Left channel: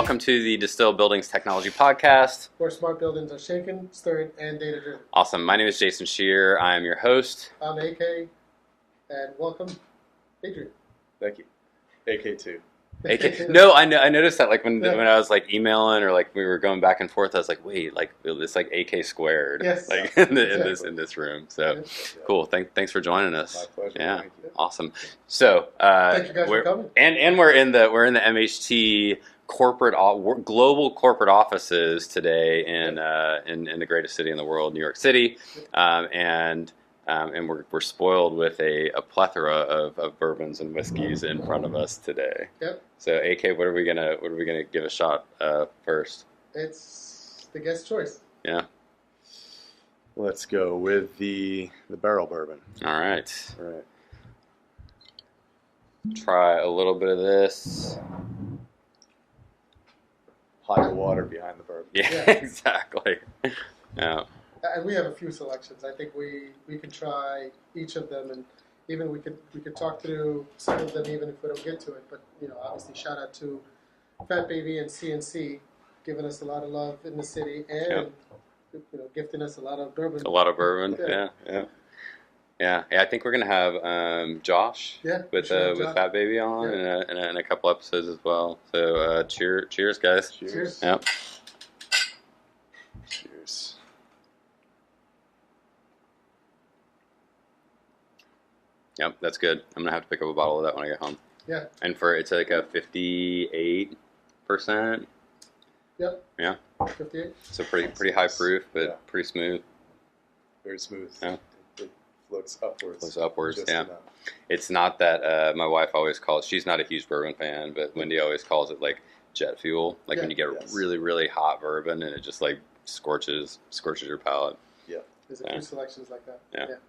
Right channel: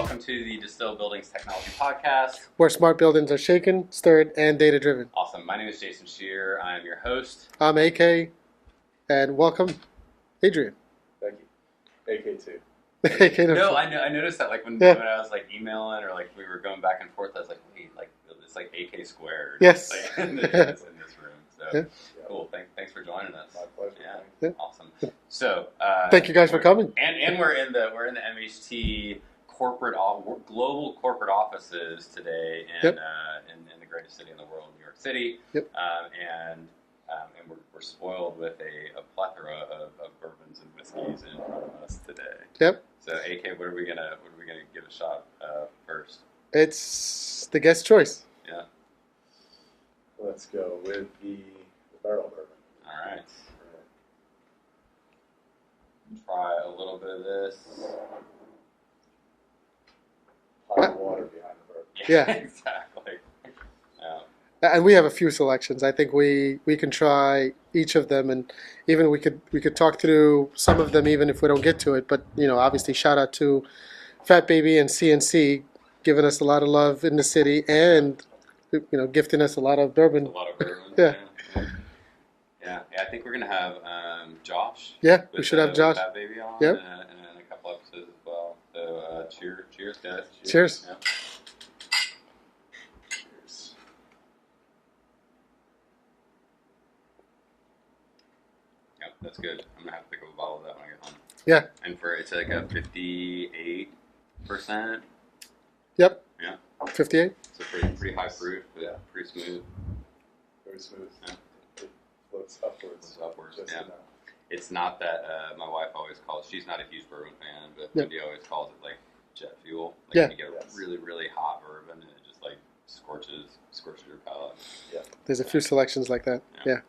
Welcome to the Distilled Buildings Technology Podcast. Where smart buildings are shaken, stirred, and data-driven. Awesome. My name is Jason Shearer. I am your host. I'm AK, and welcome, Adrian. Thank you. AK2. No, I noticed that like when I was like emailing or like we were going back and forth, I was like, wait, like it's like AK squared. Yes. Like in this room. So cool. Thanks for joining us. My pleasure. Yeah. Awesome. So thank you guys for coming. And we're in the MHT global corporate offices today in the greatest city in the world, New York City. Yep. And we're spoiled with a plethora of bourbons and whiskeys in front of us today. Yep. So AK, what are we gonna give a shot first? It's the guest choice. Yeah. Let's go with the barrel bourbon. All right. All right. Try a little bit of this. Hide the water behind the bourbon. Yeah. Exactly. Yeah. And we have a few selections. I think we can try each of them, and even we could talk through some of them even if we don't get to it. But obviously, shout out to Fat Baby and CNC, giving us a lot of love in the city, and gifting us a lot of bourbon. A lot of bourbon. Yeah. I think we're gonna have Josh. Yeah, we should have Josh. With Fat Baby on in a couple episodes as well. So cheers, guys. Cheers. Yep. Cheers. Yep, that's good. I'm gonna have to pick up a bottle of that when I get home. Yeah. And it's like a 58%. Yep. Yeah. 58. So pretty high proof, but pretty smooth. Very smooth. Yeah. It floats upwards. Floats upwards. Just Yeah. enough. It's not that my wife always calls. She's not a huge bourbon fan, but Yeah. Wendy always calls it like jet fuel. Like Yeah. when you get really really hot bourbon and it just like scorches your palate. Yeah. There's a few selections like that. Yeah.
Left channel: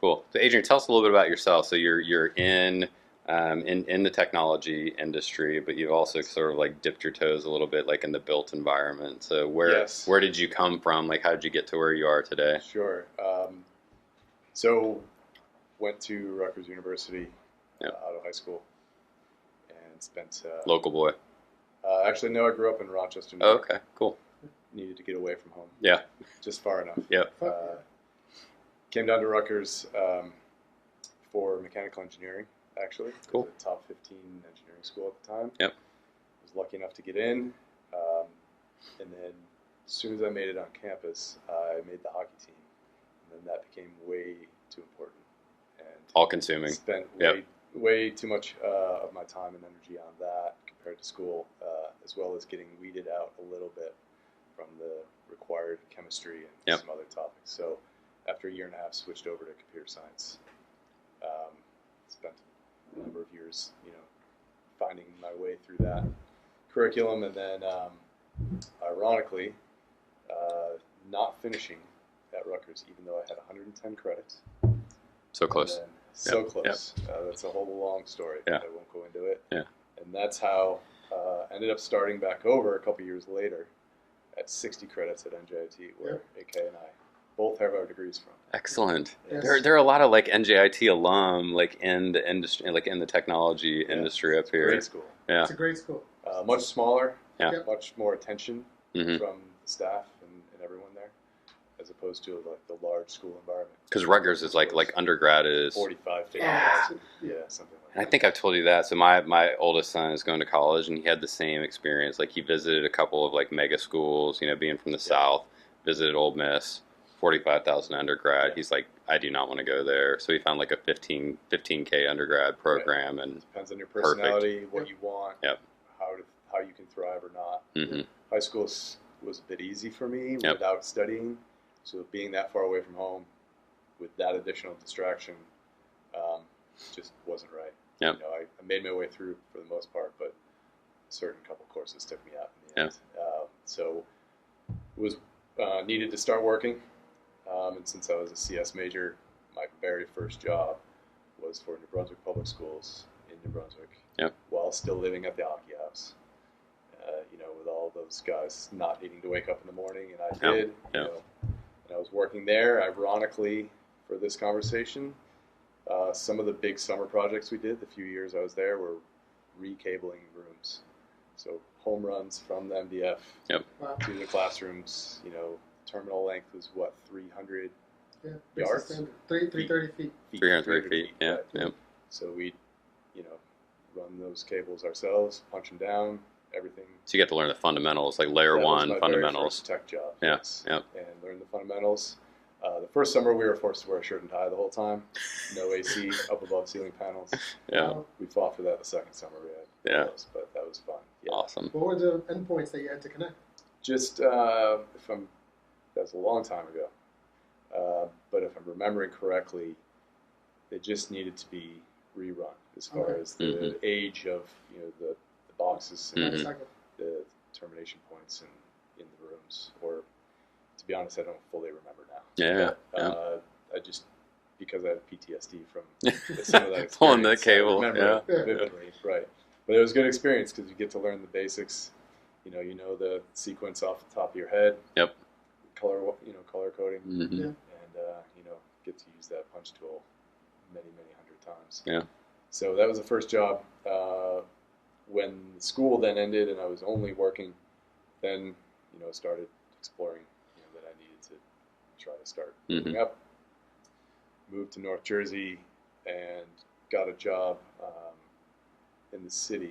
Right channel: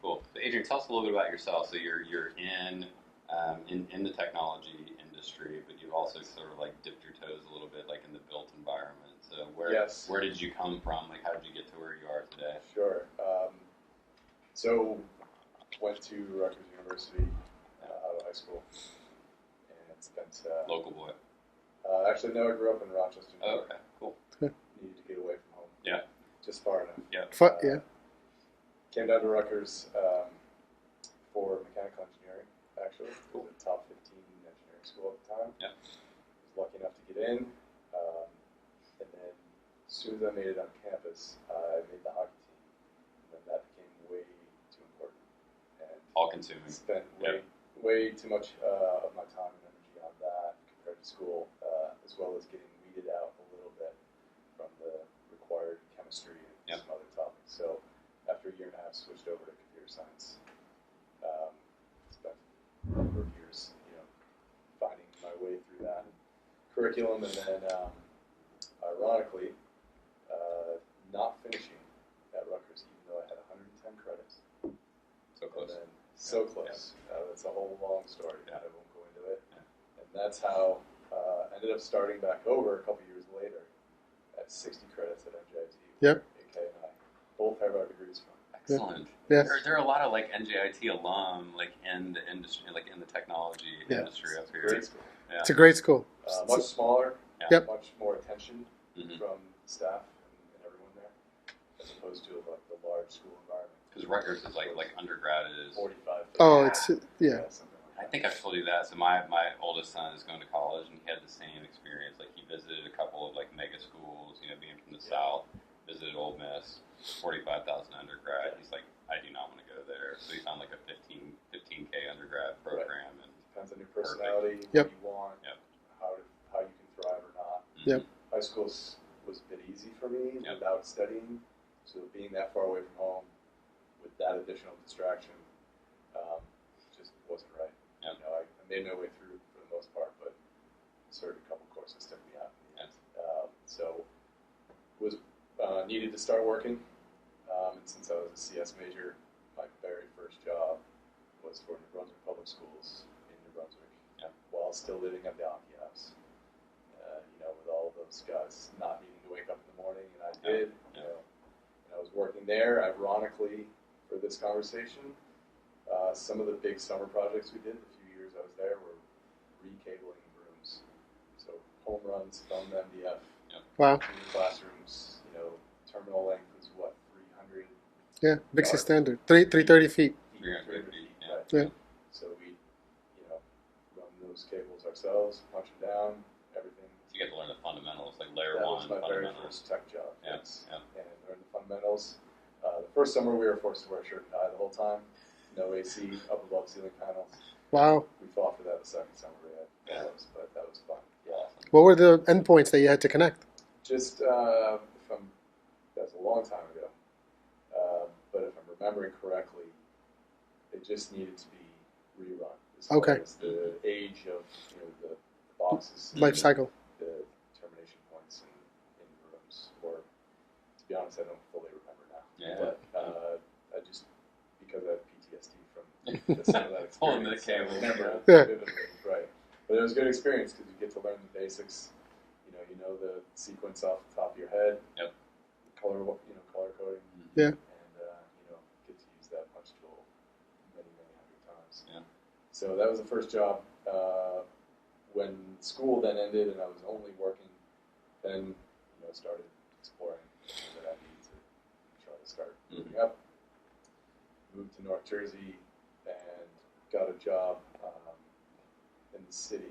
Cool. So Adrian, tell us a little bit about yourself. So you're in the technology industry, but you've also sort of like dipped your toes a little bit like in the built environment. So where did you come from? Like how did you get to where you are today? Sure. So went to Rutgers University out of high school and spent Local boy. Actually, no, I grew up in Rochester, New Oh, York. okay, cool. Needed to get away from home. Yeah. Just far enough. Yeah. Yeah. Came down to Rutgers for mechanical engineering, actually. Cool. It was a top 15 engineering school at the time. Yep. Was lucky enough to get in. And then as soon as I made it on campus, I made the hockey team. And then that became way too important. And All consuming. spent way too much of my time and energy on that compared to school, as well as getting weeded out a little bit from the required chemistry and some other topics. So after a year and a half, switched over to computer science. Spent a number of years, finding my way through that curriculum, and then, ironically, not finishing at Rutgers, even though I had 110 credits. So close. So close. That's a whole long story. Yeah. I won't go into it. Yeah. And that's how ended up starting back over a couple years later at 60 credits at NJIT, where AK and I both have our degrees from. Excellent. Yes. There are a lot of like NJIT alum like in the industry, like in the technology industry up here. Great school. Yeah. It's a great school. Much smaller. Yeah. Yep. Much more attention Mm-hmm. from the staff and everyone there, as opposed to like the large school environment. Because Rutgers is like undergrad is. 45. 50. Oh, it's something like I that. think I've told you that. So my oldest son is going to college, and he had the same experience. Like he visited a couple of like mega schools. Being from the South, visited Ole Miss, 45,000 undergrad. He's like, I do not want to go there. So he found like a 15K undergrad program, and Depends on your personality, what you want, Yep. how you can thrive or not. Mhm. High school was a bit easy for me Yep. without studying. So being that far away from home with that additional distraction just wasn't right. Yep. I made my way through for the most part, but a certain couple courses took me out in the end. So was needed to start working. And since I was a CS major, my very first job was for New Brunswick Public Schools in New Brunswick, while still living at the hockey house. With all those guys not needing to wake up in the morning, and I did. And I was working there. Ironically, for this conversation, some of the big summer projects we did, the few years I was there, were recabling rooms. So home runs from the MDF Wow. to the classrooms. Terminal length was what, 300 Yeah, big yards? standard. 330 feet. 330 feet. Yeah. Right. Yeah. So we, run those cables ourselves, punch them down, everything. So you get to learn the fundamentals, like layer That was one my fundamentals. Very first tech job. Yeah, Yes. yeah. And learn the fundamentals. The first summer we were forced to wear a shirt and tie the whole time. No AC, up above ceiling panels. Yeah. Wow. We fought for that the second summer we had. Yeah. But that was fun. Yeah. Awesome. What were the endpoints that you had to connect? Just, that's a long time ago. But if I'm remembering correctly, they just needed to be rerun as far Okay. as the age of the boxes and Life cycle. the termination points in the rooms. Or to be honest, I don't fully remember now. Yeah. But, I just, because I have PTSD from some of that experience. Pulling the cable. I remember Yeah. it vividly, right. But it was a good experience because you get to learn the basics. You know the sequence off the top of your head. Yep. Color coding. Mm-hmm. Yeah. And get to use that punch tool many hundred times. Yeah. So that was the first job. When school then ended and I was only working, then started exploring that I needed to try to start moving up. Moved to North Jersey and got a job in the city,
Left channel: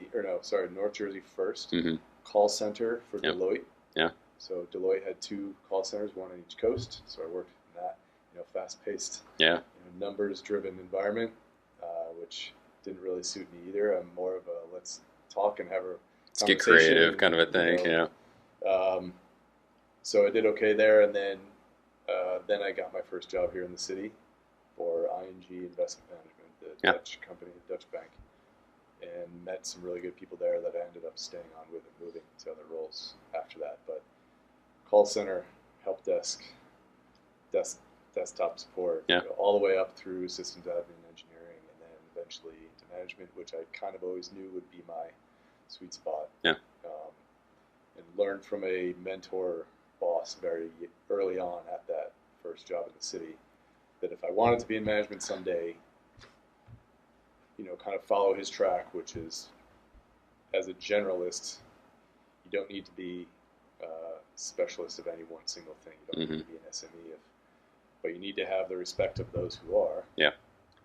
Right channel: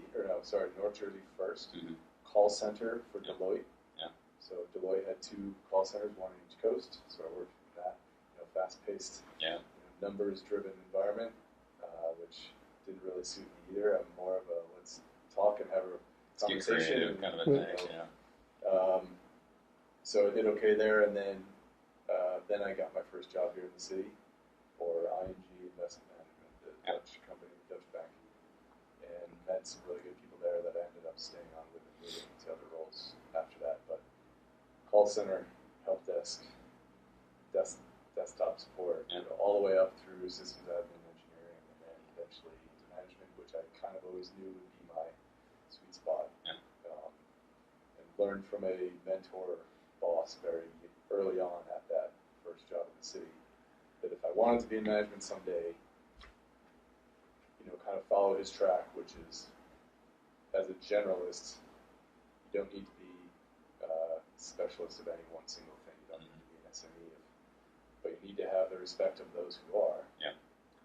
North Jersey first. Mm-hmm. Call center for Yep. Deloitte. Yeah. So Deloitte had 2 call centers, one on each coast. So I worked in that, fast-paced, Yeah. numbers-driven environment, which didn't really suit me either. I'm more of a let's talk and have a Let's get conversation, creative kind of a thing. Yeah. So I did okay there, and then I got my first job here in the city for ING Investment Management, the Yep. Dutch company, the Dutch bank, and met some really good people there that I ended up staying on with and moving to other roles after that. But call center, help desk, desktop support, Yeah. all the way up through systems admin, engineering, and then eventually into management, which I kind of always knew would be my sweet spot. Yeah. And learned from a mentor boss very early on at that first job in the city that if I wanted to be in management someday, kind of follow his track, which is as a generalist, you don't need to be a specialist of any one single thing. You don't need to be an SME, but you need to have the respect of those who are. Yeah.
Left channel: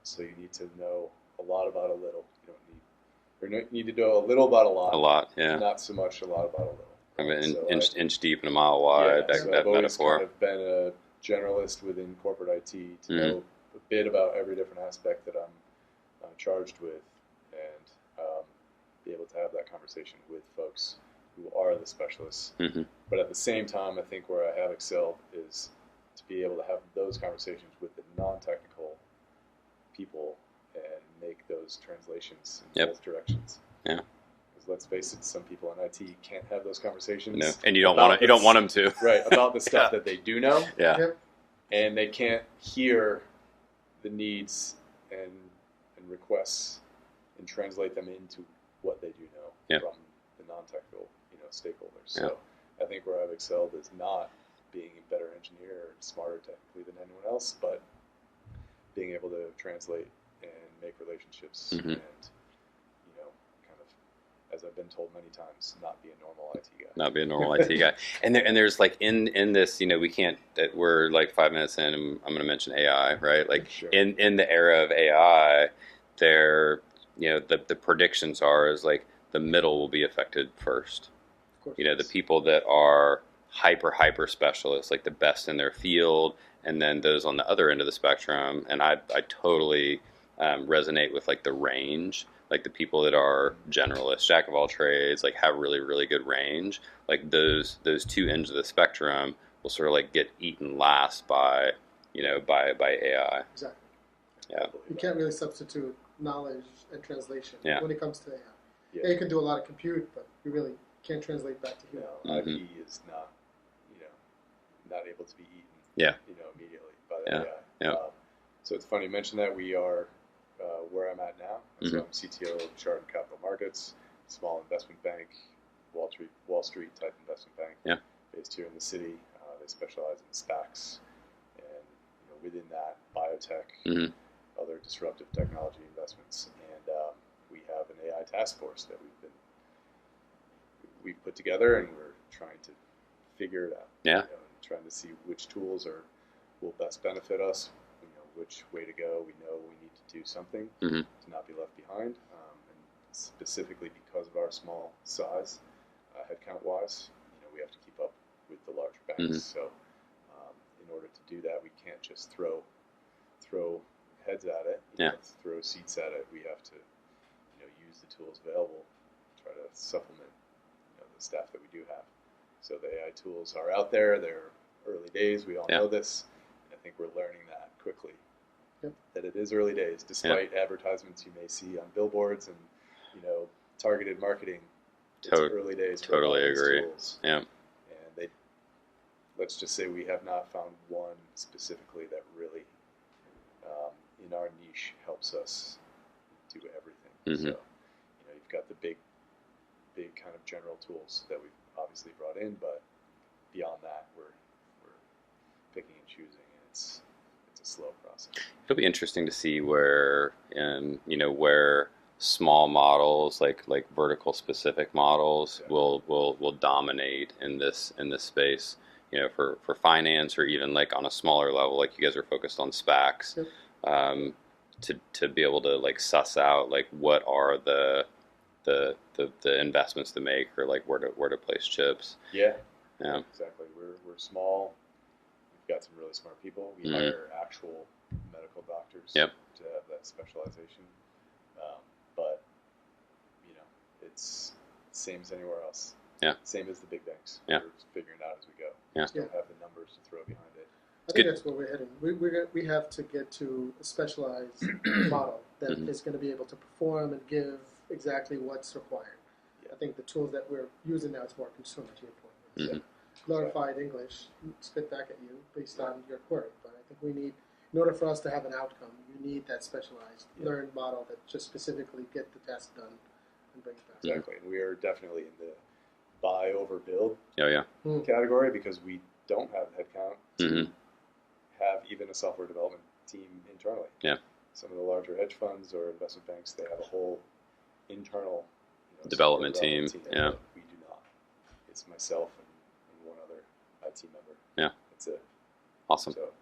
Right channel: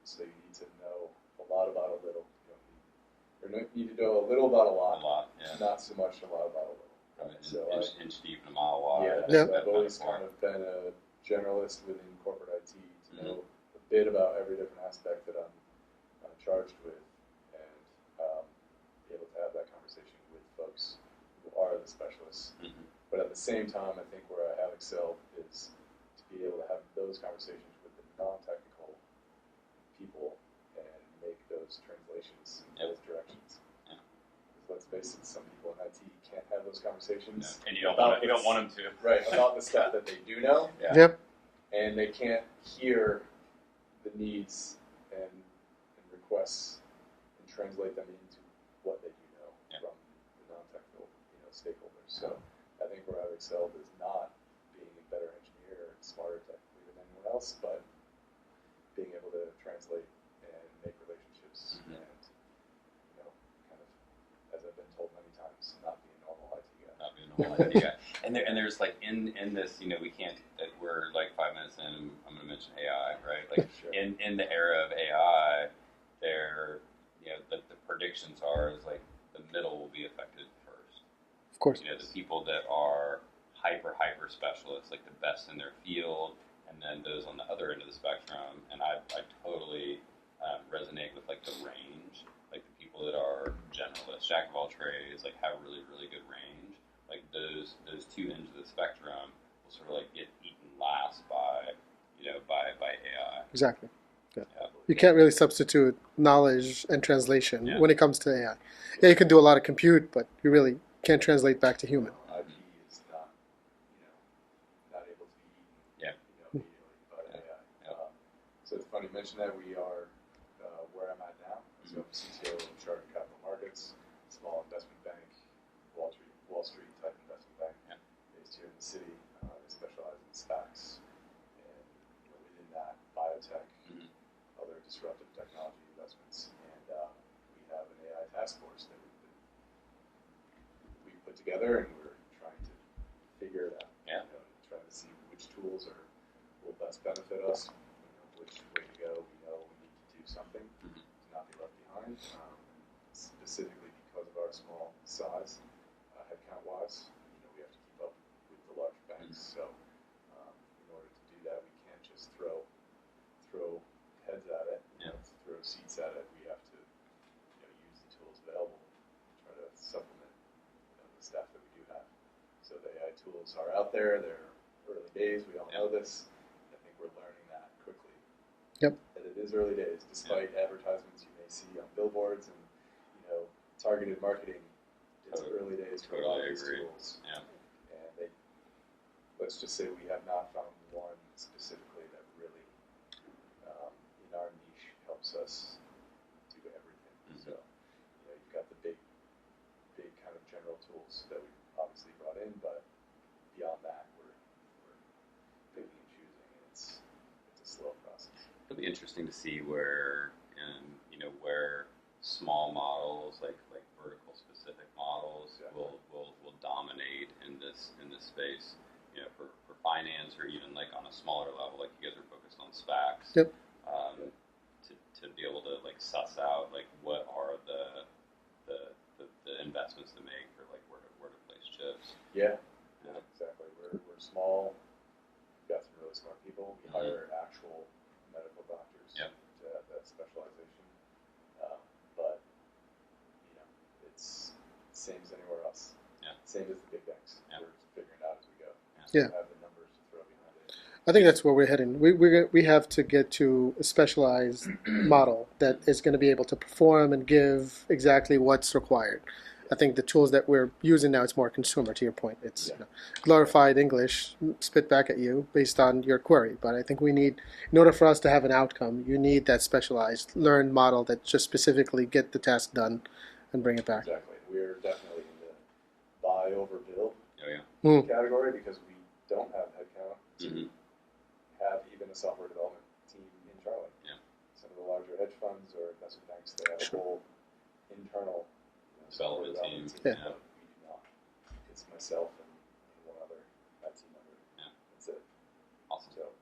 So you need to know a lot about a little. You need to know a little about a lot. A lot. Yeah. Not so much a lot about a little. I mean, So inch deep and a mile wide. Yeah, That I've always metaphor. kind of been a generalist within corporate IT to Mm-hmm. know a bit about every different aspect that I'm charged with, and be able to have that conversation with folks who are the specialists. Mm-hmm. But at the same time, I think where I have excelled is to be able to have those conversations with the non-technical people and make those translations in Yep. both directions. Yeah. Because let's face it, some people in IT can't have those conversations. No. And you don't about want to. You don't this- want them to. Right, about the stuff Yeah. that they do know, Yeah. Yep. and they can't hear the needs and requests and translate them into what they do know Yep. from the non-technical stakeholders. So I think where I've excelled is not being a better engineer or smarter technically than anyone else, but being able to translate and make relationships Mhm. and kind of, as I've been told many times, not be a normal IT guy. Not be a normal IT guy. And there's like in this, we can't. We're like 5 minutes in, and I'm going to mention AI, right? Like Sure. in the era of AI, the predictions are is like the middle will be affected first. Of course. The people that are hyper specialists, like the best in their field, and then those on the other end of the spectrum. And I totally resonate with like the range, like the people that are generalists, jack of all trades, like have really good range. Like those 2 ends of the spectrum will sort of like get eaten last by AI. Exactly. Yeah. You can't really substitute knowledge and translation Yeah. when it comes to AI. Yeah, you can do a lot of compute, but you really can't translate back to human. IP Mhm. is not, not able to be eaten, Yeah. immediately by the Yeah. AI. Yeah. So it's funny you mentioned that. We are where I'm at now. Mhm. So I'm CTO of Chardan Capital Markets, small investment bank, Wall Street type investment bank. Yeah. Based here in the city. They specialize in SPACs, and within that, biotech, Mhm. other disruptive technology investments, and we have an AI task force that we've been we put together, and we're trying to figure it out. Yeah. Trying to see which tools will best benefit us. Which way to go. We know we need to do something Mm-hmm. to not be left behind, and specifically because of our small size, headcount wise, we have to keep up with the larger banks. Mm-hmm. So in order to do that, we can't just throw heads at it, throw seats at it. We have to use the tools available, try to supplement the staff that we do have. So the AI tools are out there. They're early days. We all know this. I think we're learning that quickly. Yep. That it is early days, despite advertisements you may see on billboards and targeted marketing. It's early days. Totally agree. Tools. Yeah. And let's just say we have not found one specifically that really, in our niche, helps us do everything. Mm-hmm. So, you've got the big kind of general tools that we've obviously brought in, but beyond that, we're picking and choosing, and it's a slow process. It'll be interesting to see where small models, like vertical specific models, will dominate in this space. For finance, or even like on a smaller level, like you guys are focused on SPACs. Yep. To be able to like suss out like what are the investments to make, or like where to place chips. Yeah. Yeah. Exactly. We're small. We've got some really smart people. We hire actual medical doctors to have that specialization. But it's same as anywhere else. Yeah. Same as the big banks. Yeah. We're just figuring it out as we go. Yeah. Just don't have the numbers to throw behind it. I think that's where we're heading. We have to get to a specialized model that is going to be able to perform and give exactly what's required. I think the tools that we're using now, it's more consumer, to your point. It's glorified English spit back at you based on your query. But I think we need, in order for us to have an outcome, you need that specialized learned model that just specifically get the task done and bring it back. Exactly. We are definitely in the buy over build Yeah. category, because we don't have headcount to Mm-hmm. have even a software development team internally. Yeah. Some of the larger hedge funds or investment banks, they have a whole internal Development team. Yeah. We do not. It's myself and one other IT member. Yeah. That's it. Awesome. So,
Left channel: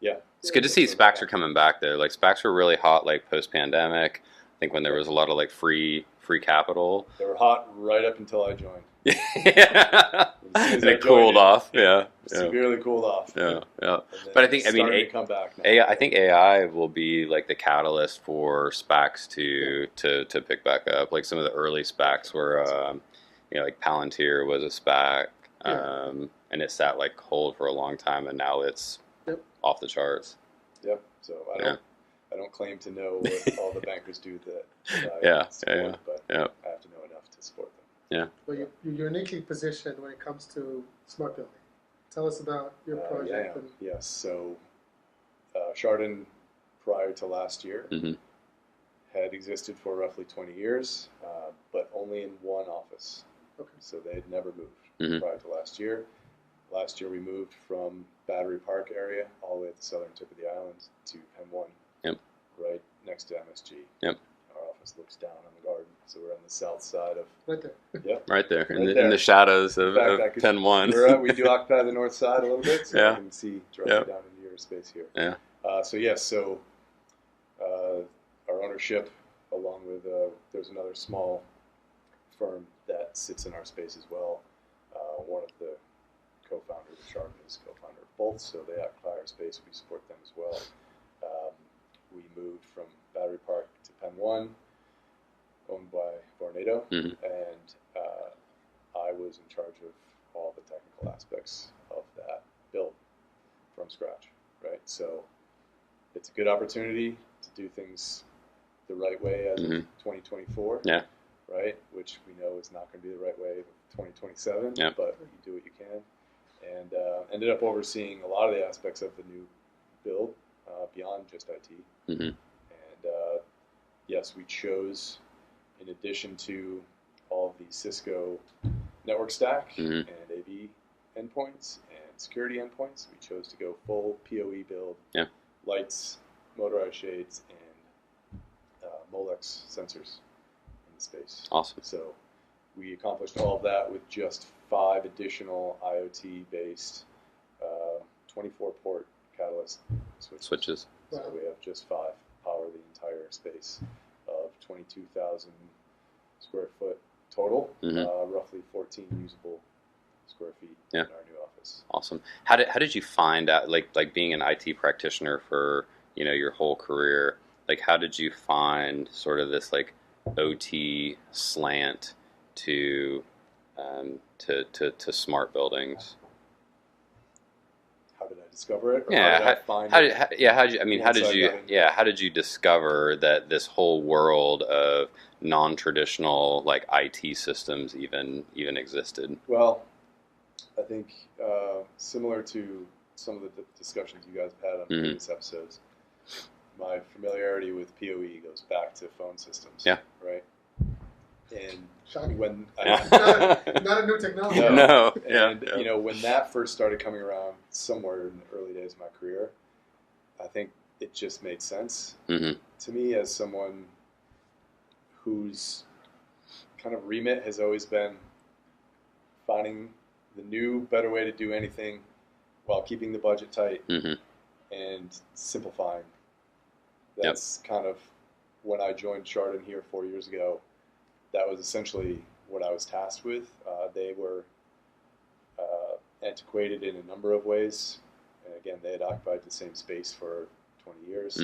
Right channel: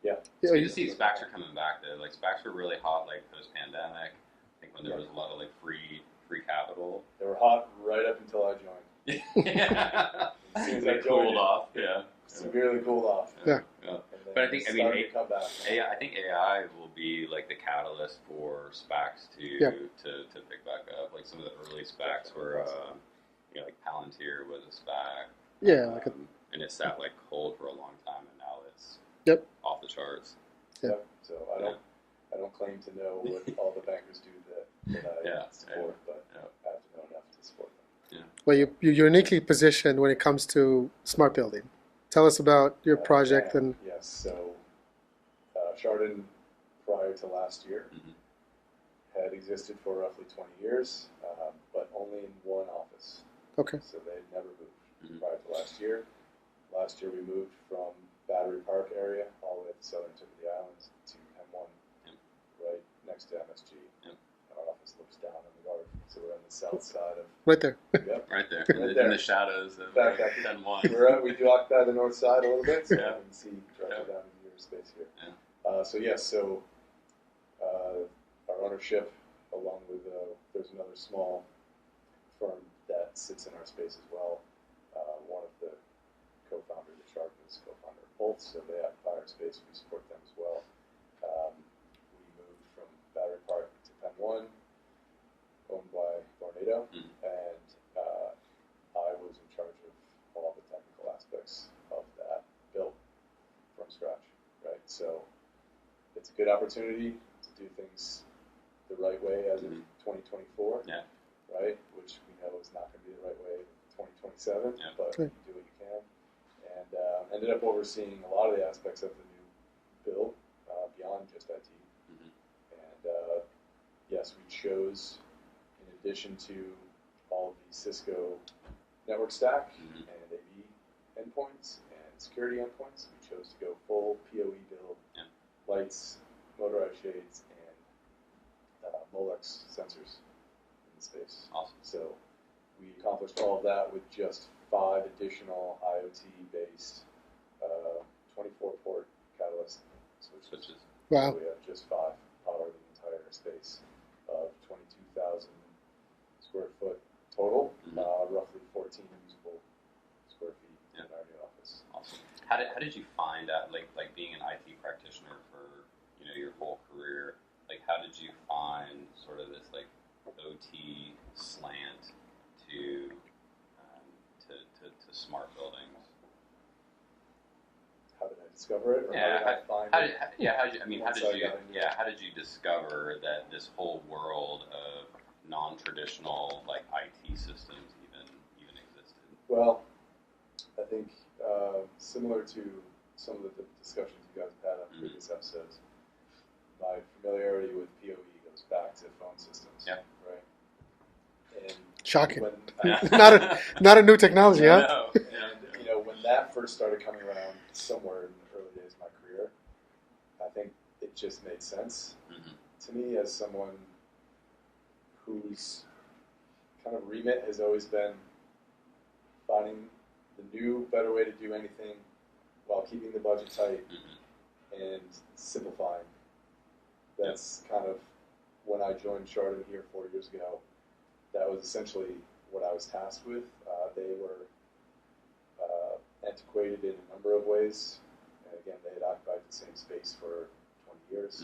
yeah. It's good to see SPACs are coming back though. Like SPACs were really hot like post pandemic. I think when there was a lot of like free capital. They were hot right up until I joined. Yeah. They cooled off. Yeah. Severely cooled off. Yeah. But I think to come back now. AI, I think AI will be like the catalyst for SPACs to pick back up. Like some of the early SPACs were, like Palantir was a SPAC, and it sat like cold for a long time, and now it's off the charts. Yeah. So I don't claim to know what all the bankers do that I support, but I have to know enough to support them. Yeah. Well, you're uniquely positioned when it comes to smart building. Tell us about your project. And yes, so Chardon, prior to last year, had existed for roughly 20 years, but only in one office. Okay. So they had never moved prior to last year. Last year we moved from Battery Park area all the way at the southern tip of the island to Pen 1, right next to MSG. Yep. Our office looks down on the garden, so we're on the south side of. Right there. Yep. Right there, Right in the shadows of Pen 1. We do occupy the north side a little bit, so you can see directly down into your space here. Yeah. So our ownership, along with there's another small firm that sits in our space as well. One of the co-founders of Chardon is co-founder of both, so they occupy our space. We support them as well. We moved from Battery Park to Pen 1, owned by Vornado, and I was in charge of all the technical aspects of that build from scratch, right? So it's a good opportunity to do things the right way as of 2024, right? Which we know is not going to be the right way 2027, but you do what you can. And ended up overseeing a lot of the aspects of the new build beyond just IT. And yes, we chose, in addition to all of the Cisco network stack and AV endpoints and security endpoints, we chose to go full PoE build, lights, motorized shades, and Molex sensors in the space. Awesome. So we accomplished all of that with just 5 additional IoT-based 24-port catalyst switches. Wow. So we have just 5 power the entire space of 22,000 square foot total, roughly 14 usable square feet in our new office. Awesome. How did you find out, like being an IT practitioner for your whole career? Like, how did you find sort of this like OT slant to smart buildings? How did I discover it? Or Yeah. how did I find How it? how did you discover that this whole world of non-traditional like IT systems even existed? Well, I think similar to some of the discussions you guys have had on previous episodes, my familiarity with PoE goes back to phone systems. Yeah. Right. And Shocking. when Not a new technology. Yeah. Huh? No. and when that first started coming around, somewhere in the early days of my career, I think it just made sense to me as someone whose kind of remit has always been finding the new, better way to do anything while keeping the budget tight and simplifying. That's kind of when I joined Chardon here 4 years ago. That was essentially what I was tasked with. They were antiquated in a number of ways. And again, they had occupied the same space for 20 years.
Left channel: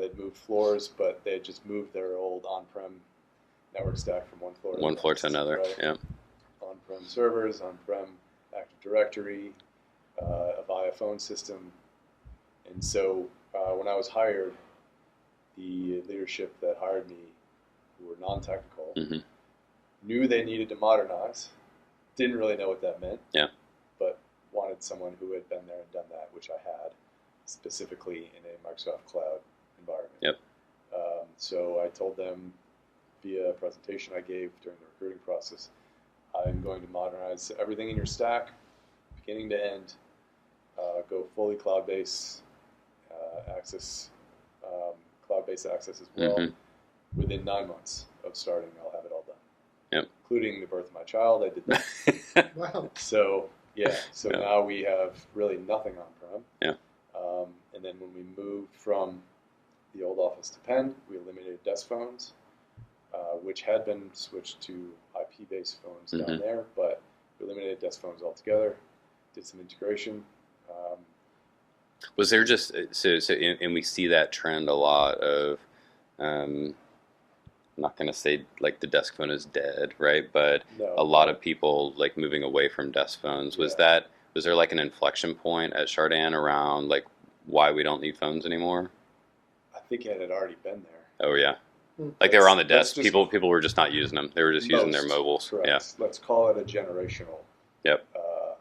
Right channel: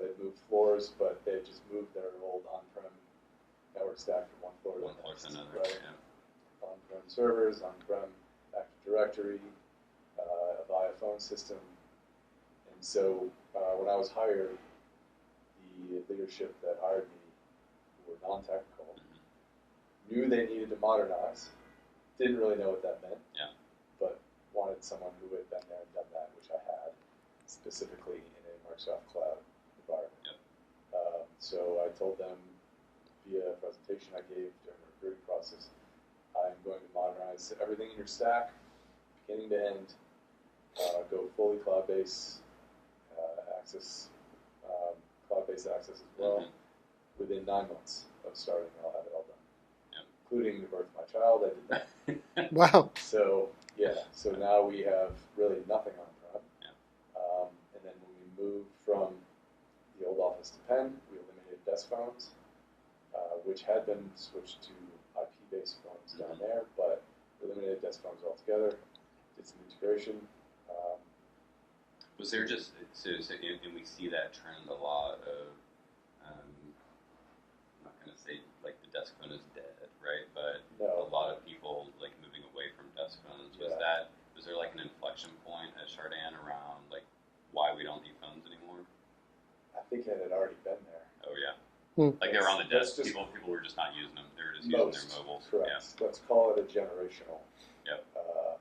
They'd moved floors, but they had just moved their old on-prem network stack from one floor to another. Right? Yeah. On-prem servers, on-prem Active Directory, a via phone system. And so when I was hired, the leadership that hired me, who were non-technical, knew they needed to modernize, didn't really know what that meant, but wanted someone who had been there and done that, which I had, specifically in a Microsoft Cloud environment. So I told them via a presentation I gave during the recruiting process, I'm going to modernize everything in your stack, beginning to end, go fully cloud-based access, cloud-based access as well. Within 9 months of starting, I'll have it all done. Including the birth of my child, I did that. Wow. So now we have really nothing on-prem. And then when we moved from the old office to Penn, we eliminated desk phones, which had been switched to IP-based phones down there, but we eliminated desk phones altogether, did some integration. Was there just and we see that trend a lot of I'm not going to say like the desk phone is dead, right? But a lot of people like moving away from desk phones. Was there like an inflection point at Chardan around like why we don't need phones anymore? I think it had already been there. Oh yeah. Like they were on the desk. People were just not using them. They were just using their mobiles. Correct. Yeah. Let's call it a generational.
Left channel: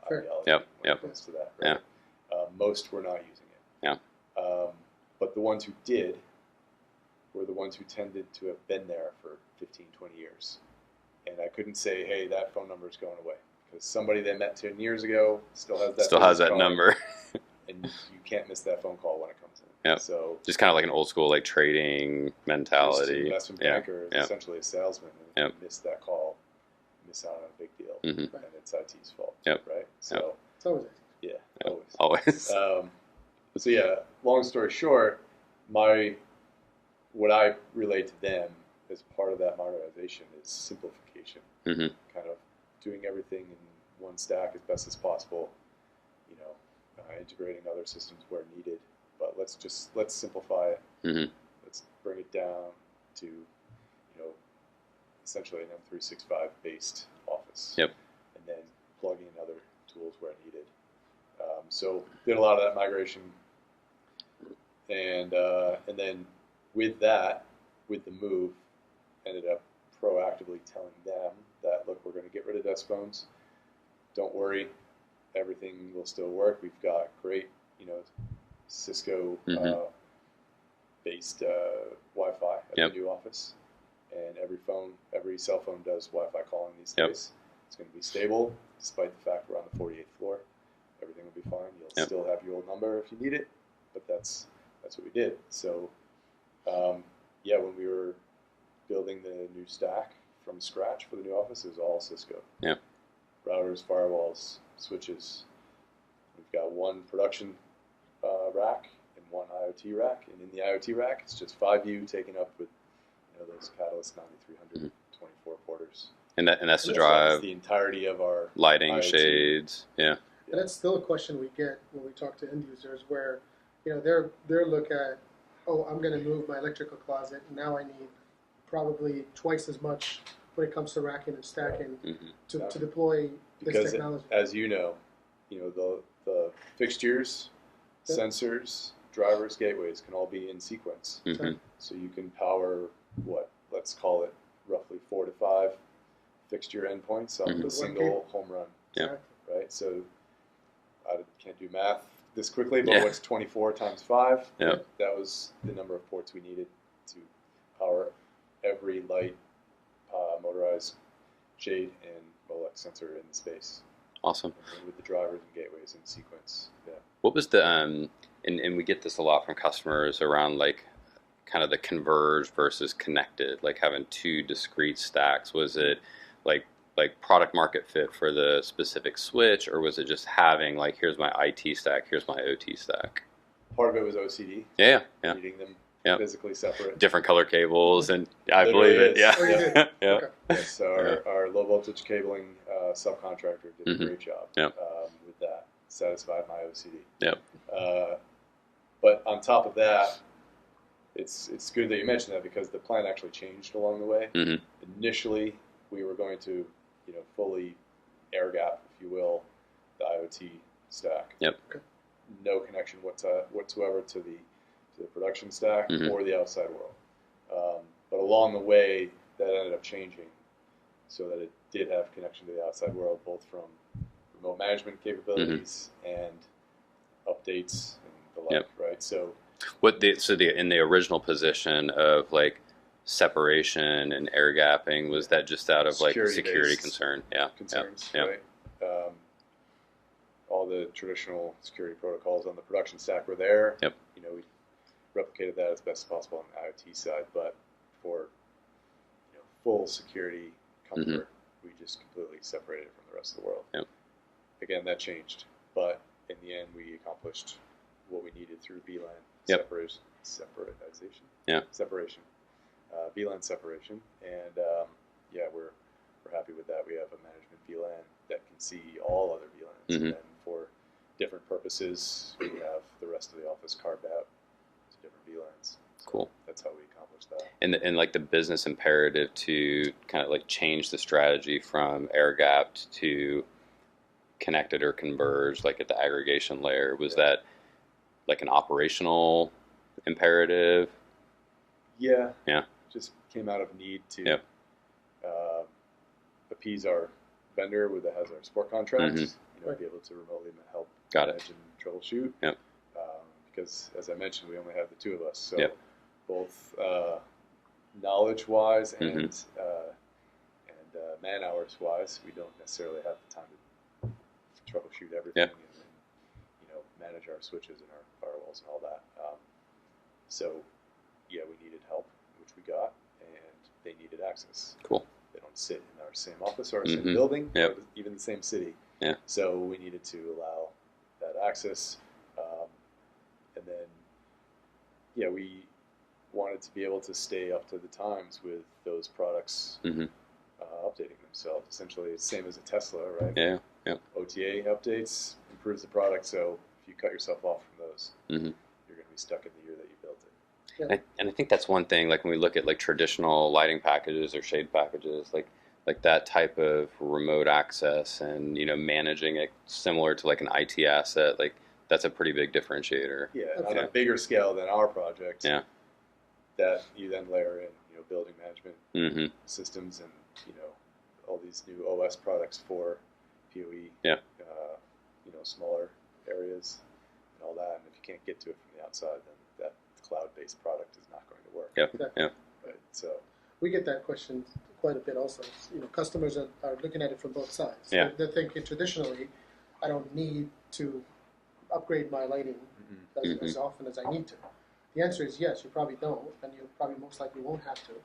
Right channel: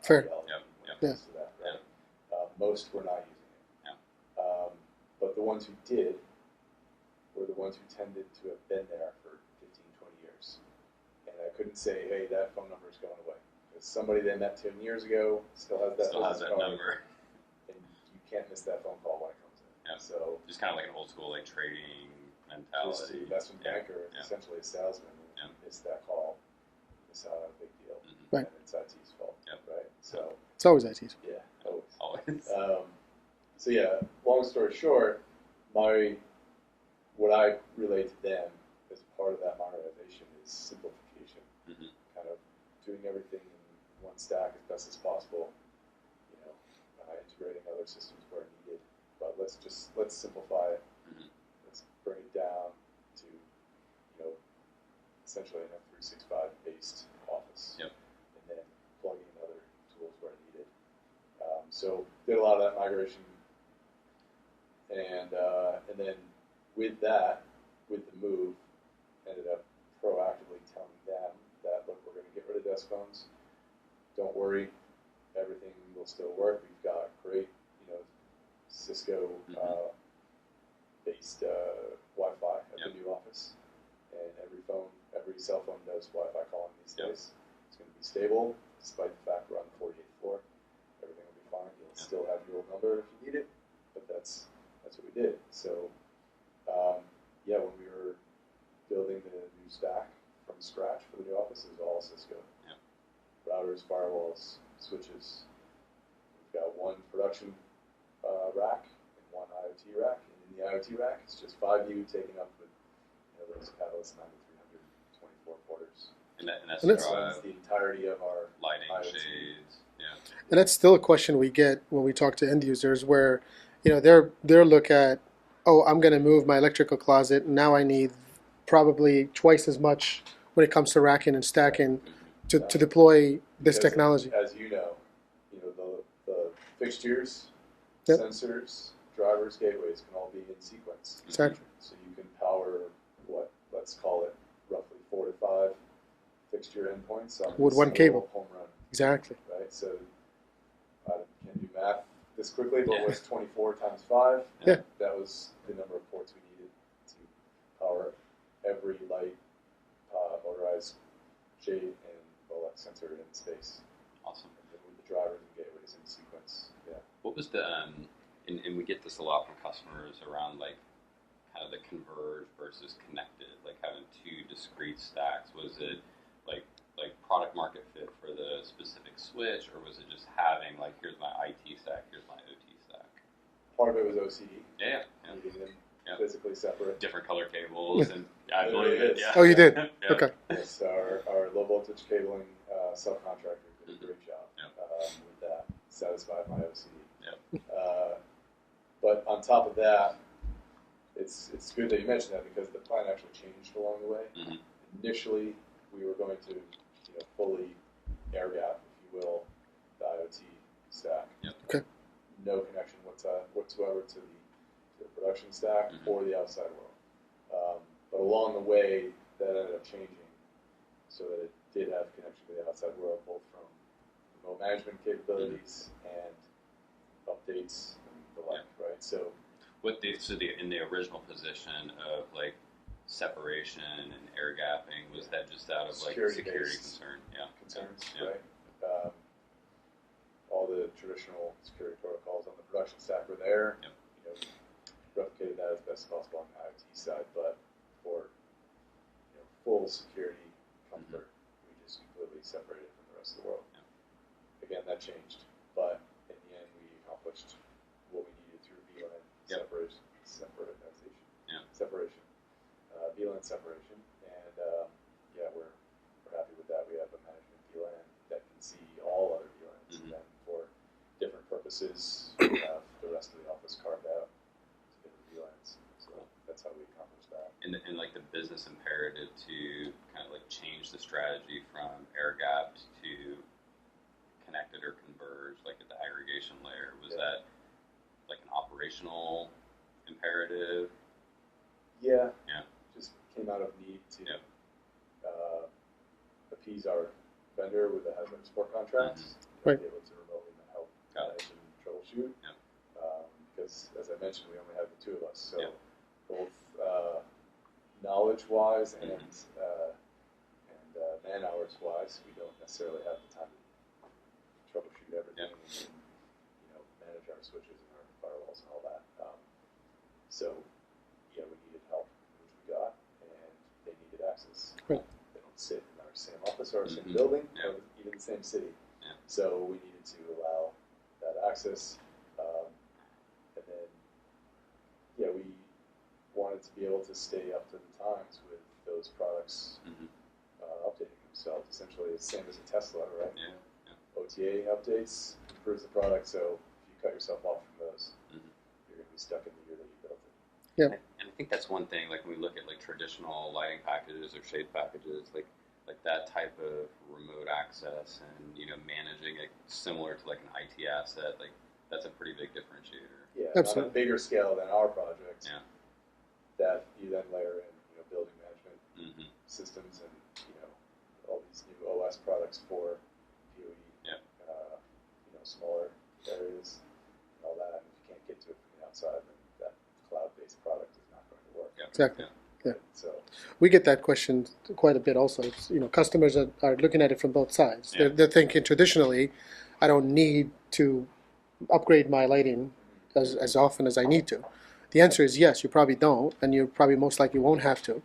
Fair. Ideology to that, right? Most were not using it. But the ones who did were the ones who tended to have been there for 15, 20 years. And I couldn't say, hey, that phone number is going away. Because somebody they met 10 years ago still has that number. And you can't miss that phone call when it comes in. So just kind of like an old school like trading mentality. Just an investment banker is essentially a salesman. And if you miss that call, you miss out on a big deal. Right. And it's IT's fault. Right? So it's always IT's. Yeah, always. So yeah, long story short, what I relate to them as part of that modernization is simplification. Kind of doing everything in one stack as best as possible. Integrating other systems where needed, but let's simplify it. Let's bring it down to essentially an M365 based office. And then plug in other tools where needed. So did a lot of that migration, and then with the move, ended up proactively telling them that, look, we're going to get rid of desk phones. Don't worry, everything will still work. We've got great, Cisco based Wi-Fi at the new office, and every cell phone does Wi-Fi calling these days. It's going to be stable, despite the fact we're on the 48th floor. Everything will be fine. You'll still have your old number if you need it, but that's what we did. So when we were building the new stack from scratch for the new office is all Cisco. Yeah. Routers, firewalls, switches. We've got one production rack and one IoT rack, and in the IoT rack, it's just 5U taken up with those Catalyst 9300 24 porters. And that's to And drive the entirety of our lighting, IoT. shades. Yeah. And that's still a question we get when we talk to end users, where they're look at, oh, I'm going to move my electrical closet, and now I need probably twice as much when it comes to racking and stacking Mm-hmm. to deploy this Because technology. As you know, the fixtures, Yep. sensors, drivers, gateways can all be in sequence. Mm-hmm. Exactly. So you can power let's call it roughly 4 to 5 fixture endpoints on With a one single cable. home run. Exactly. Right. So I can't do math this quickly, but Yeah. what's 24 times 5? Yeah. That was the number of ports we needed to power every light, motorized shade, and Molex sensor in space. Awesome. And with the drivers and gateways in sequence. Yeah. What was the and we get this a lot from customers around like kind of the converged versus connected, like having two discrete stacks. Was it like product market fit for the specific switch, or was it just having like, here's my IT stack, here's my OT stack? Part of it was OCD. Yeah. Needing them Yeah. physically separate. Different color cables, and I There believe really it. is. Yeah. Oh, you did? Yeah. Okay. Yes, our low voltage cabling subcontractor did Mhm. a great job Yep. with that. Satisfied my OCD. Yep. But on top of that, it's good that you mentioned that, because the plan actually changed along the way. Mhm. Initially, we were going to fully air gap, if you will, the IoT stack. Yep. Okay. No connection whatsoever to the production stack Mhm. or the outside world. But along the way, that ended up changing so that it did have connection to the outside world, both from remote management capabilities and updates and the like. Yep. Right. So In the original position of like separation and air gapping, was that just out of like security Security-based concern? Yeah. concerns, Yeah. right? All the traditional security protocols on the production stack were there. Yep. We replicated that as best as possible on the IoT side, but for full security comfort, we just completely separated it from the rest of the world. Yep. Again, that changed, but in the end, we accomplished what we needed through VLAN Yep. separatization. Yeah. Separation. VLAN separation, and we're happy with that. We have a management VLAN that can see all other VLANs, Mhm. and for different purposes, we have the rest of the office carved out to different VLANs. So Cool. that's how we accomplished that. And like the business imperative to kind of like change the strategy from air gapped to connected or converged, like at the aggregation layer, was that like an operational imperative? Yeah. Yeah. Just came out of need to Yep. appease our vendor that has our support contracts, Mhm. Right. be able to remotely help Got it. manage and troubleshoot. Yep. Because as I mentioned, we only have the two of us, so Yep. both knowledge-wise and Mhm. man hours wise, we don't necessarily have the time to troubleshoot everything Yep. and manage our switches and our firewalls and all that. So we needed help, which we got, and they needed access. Cool. They don't sit in our same office or our same Mhm. building, Yep. or even the same city. Yeah. So we needed to allow that access, and then we wanted to be able to stay up to the times with those products Mhm. updating themselves. Essentially, it's the same as a Tesla, right? Yeah. Yeah. OTA updates improves the product, so if you cut yourself off from those, Mhm. you're going to be stuck in the year that you built it. And I think that's one thing, like when we look at like traditional lighting packages or shade packages, like that type of remote access and managing it similar to like an IT asset, like that's a pretty big differentiator. Yeah, Absolutely. on a bigger scale than our project. Yeah. That you then layer in, building management Mm-hmm. systems and all these new OS products for PoE. Yeah. Smaller areas and all that. And if you can't get to it from the outside, then that cloud-based product is not going to work. Yep. Exactly. Yep. Yeah. So We get that question quite a bit also. Customers are looking at it from both sides. Yeah. They're thinking traditionally, I don't need to upgrade my lighting as often as I need to. The answer is yes, you probably don't, and you probably most likely won't have to.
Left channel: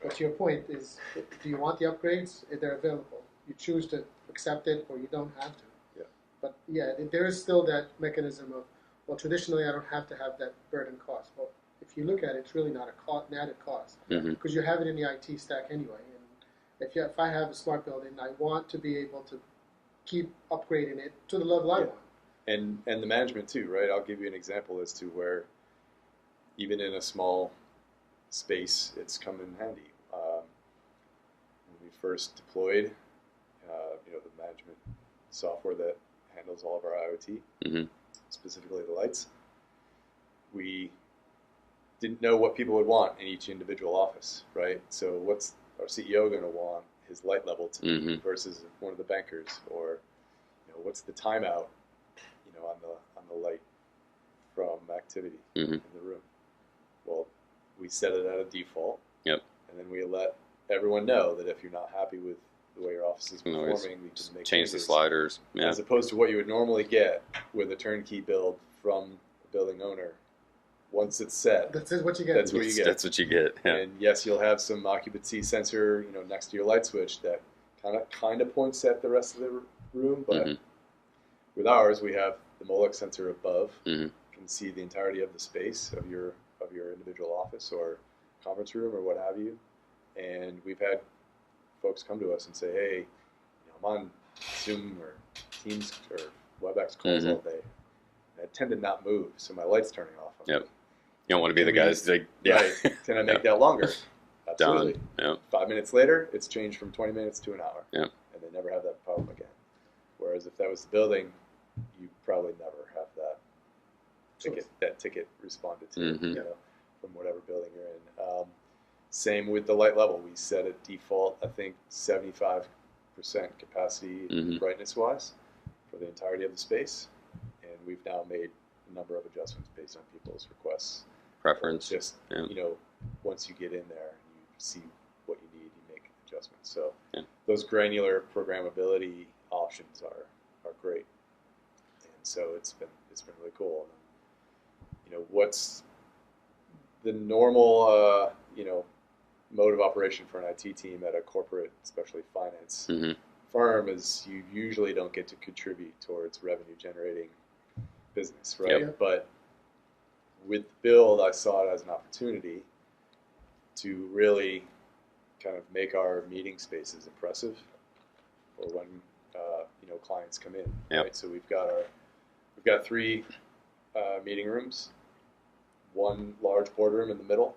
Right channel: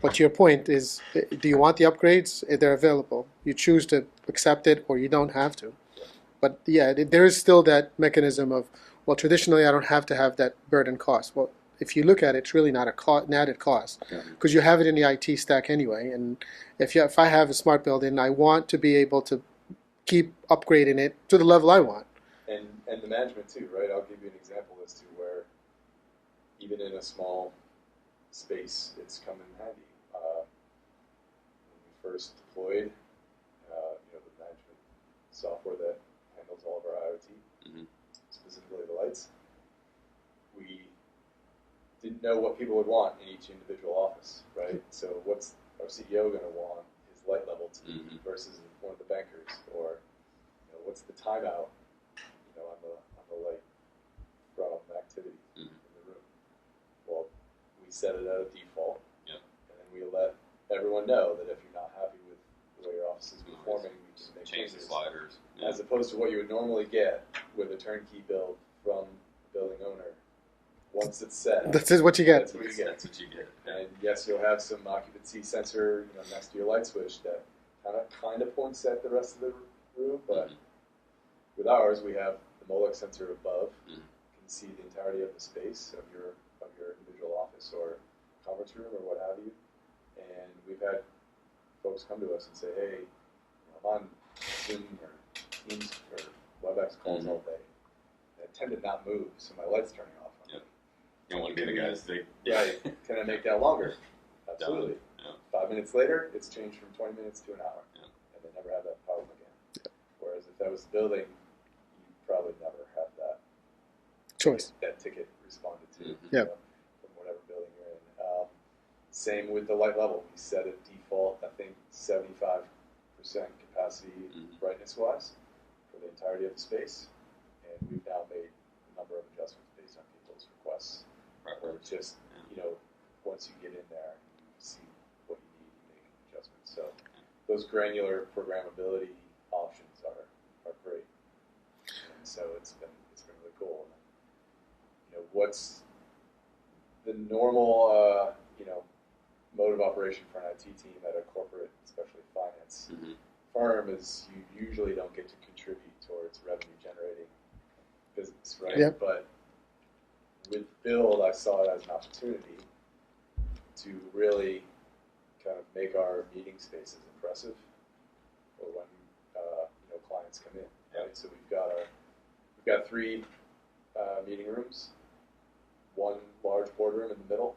But to your point is, do you want the upgrades? They're available. You choose to accept it, or you don't have to. Yeah. But yeah, there is still that mechanism of, well, traditionally I don't have to have that burden cost. Well, if you look at it, it's really not an added cost, because you have it in the IT stack anyway. And if I have a smart building, I want to be able to keep upgrading it to the level I want. And the management too, right? I'll give you an example as to where even in a small space, it's come in handy. When we first deployed, the management software that handles all of our IoT, specifically the lights, we didn't know what people would want in each individual office, right? So what's our CEO going to want his light level to be versus one of the bankers, or what's the timeout, on the light from activity in the room. Well, we set it at a default, and then we let everyone know that if you're not happy with the way your office is performing, we can make change the changes. sliders, As opposed to what you would normally get with a turnkey build from a building owner. Once it's set, That's what you get. That's what you get. That's what you get. Yeah. And yes, you'll have some occupancy sensor, next to your light switch that kind of points at the rest of the room. But with ours, we have the Molex sensor above. You can see the entirety of the space of your individual office or conference room or what have you. And we've had folks come to us and say, "Hey, I'm on Zoom or Teams or WebEx calls all day. I tend to not move, so my light's turning off." You don't want to be the guys like, right. Can I make that longer? Absolutely. Absolutely. Yep. 5 minutes later, it's changed from 20 minutes to an hour. Yep. And they never have that problem again. Whereas if that was the building, you probably never have that choice. That ticket responded to from whatever building you're in. Same with the light level. We set a default, I think, 75% capacity brightness-wise for the entirety of the space. And we've now made a number of adjustments based on people's requests. Preference. Just, once you get in there and you see what you need, you make adjustments. So those granular programmability options are great. And so it's been really cool. And, what's the normal, mode of operation for an IT team at a corporate, especially finance firm, is you usually don't get to contribute towards revenue generating business, right? But with Build, I saw it as an opportunity to really kind of make our meeting spaces impressive for when clients come in. Right? So we've got 3 meeting rooms, 1 large boardroom in the middle,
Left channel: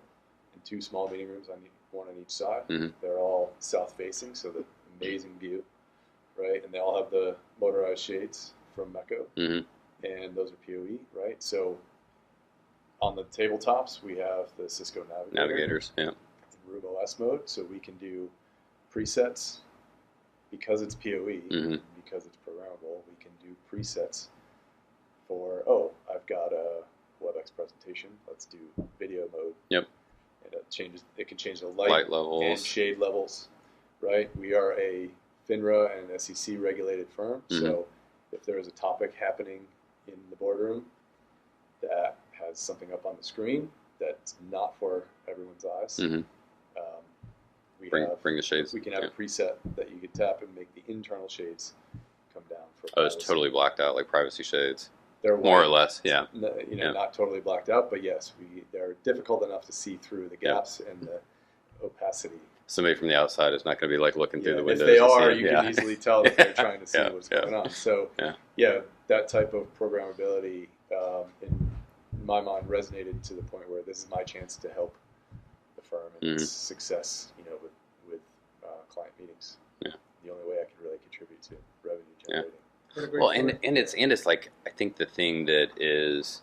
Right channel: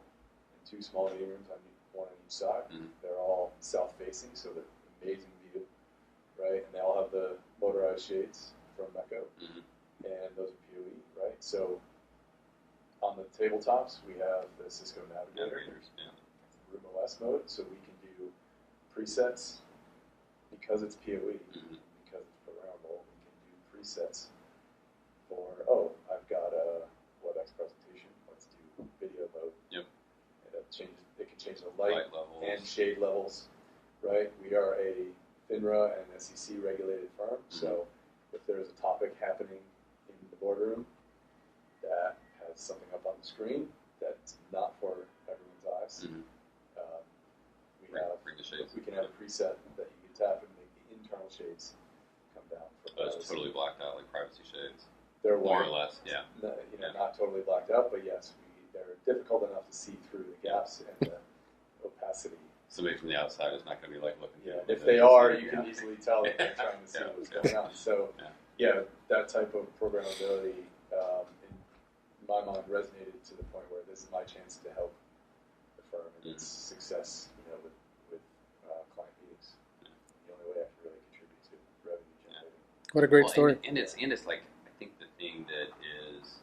and 2 small meeting rooms one on each side. They're all south facing, so the amazing view, right? And they all have the motorized shades from Mecco, and those are PoE, right? So on the tabletops, we have the Cisco Navigators, in Room OS mode, so we can do presets because it's PoE, because it's programmable. We can do presets for I've got a WebEx presentation. Let's do video mode. And it can change the light levels and shade levels, right? We are a FINRA and SEC regulated firm, so if there is a topic happening in the boardroom that has something up on the screen that's not for everyone's eyes, bring the shades. We can have a preset that you can tap and make the internal shades come down. For it's totally blacked out, like privacy shades. They're more or less, not totally blacked out, but yes, they're difficult enough to see through the gaps and the opacity. Somebody from the outside is not going to be like looking through the windows. If they are, you can easily tell that they're trying to see what's going on. So, that type of programmability, in my mind, resonated to the point where this is my chance to help the firm and its success, with client meetings. The only way I can really contribute to revenue generating. What a great story. And it's like, I think the thing that is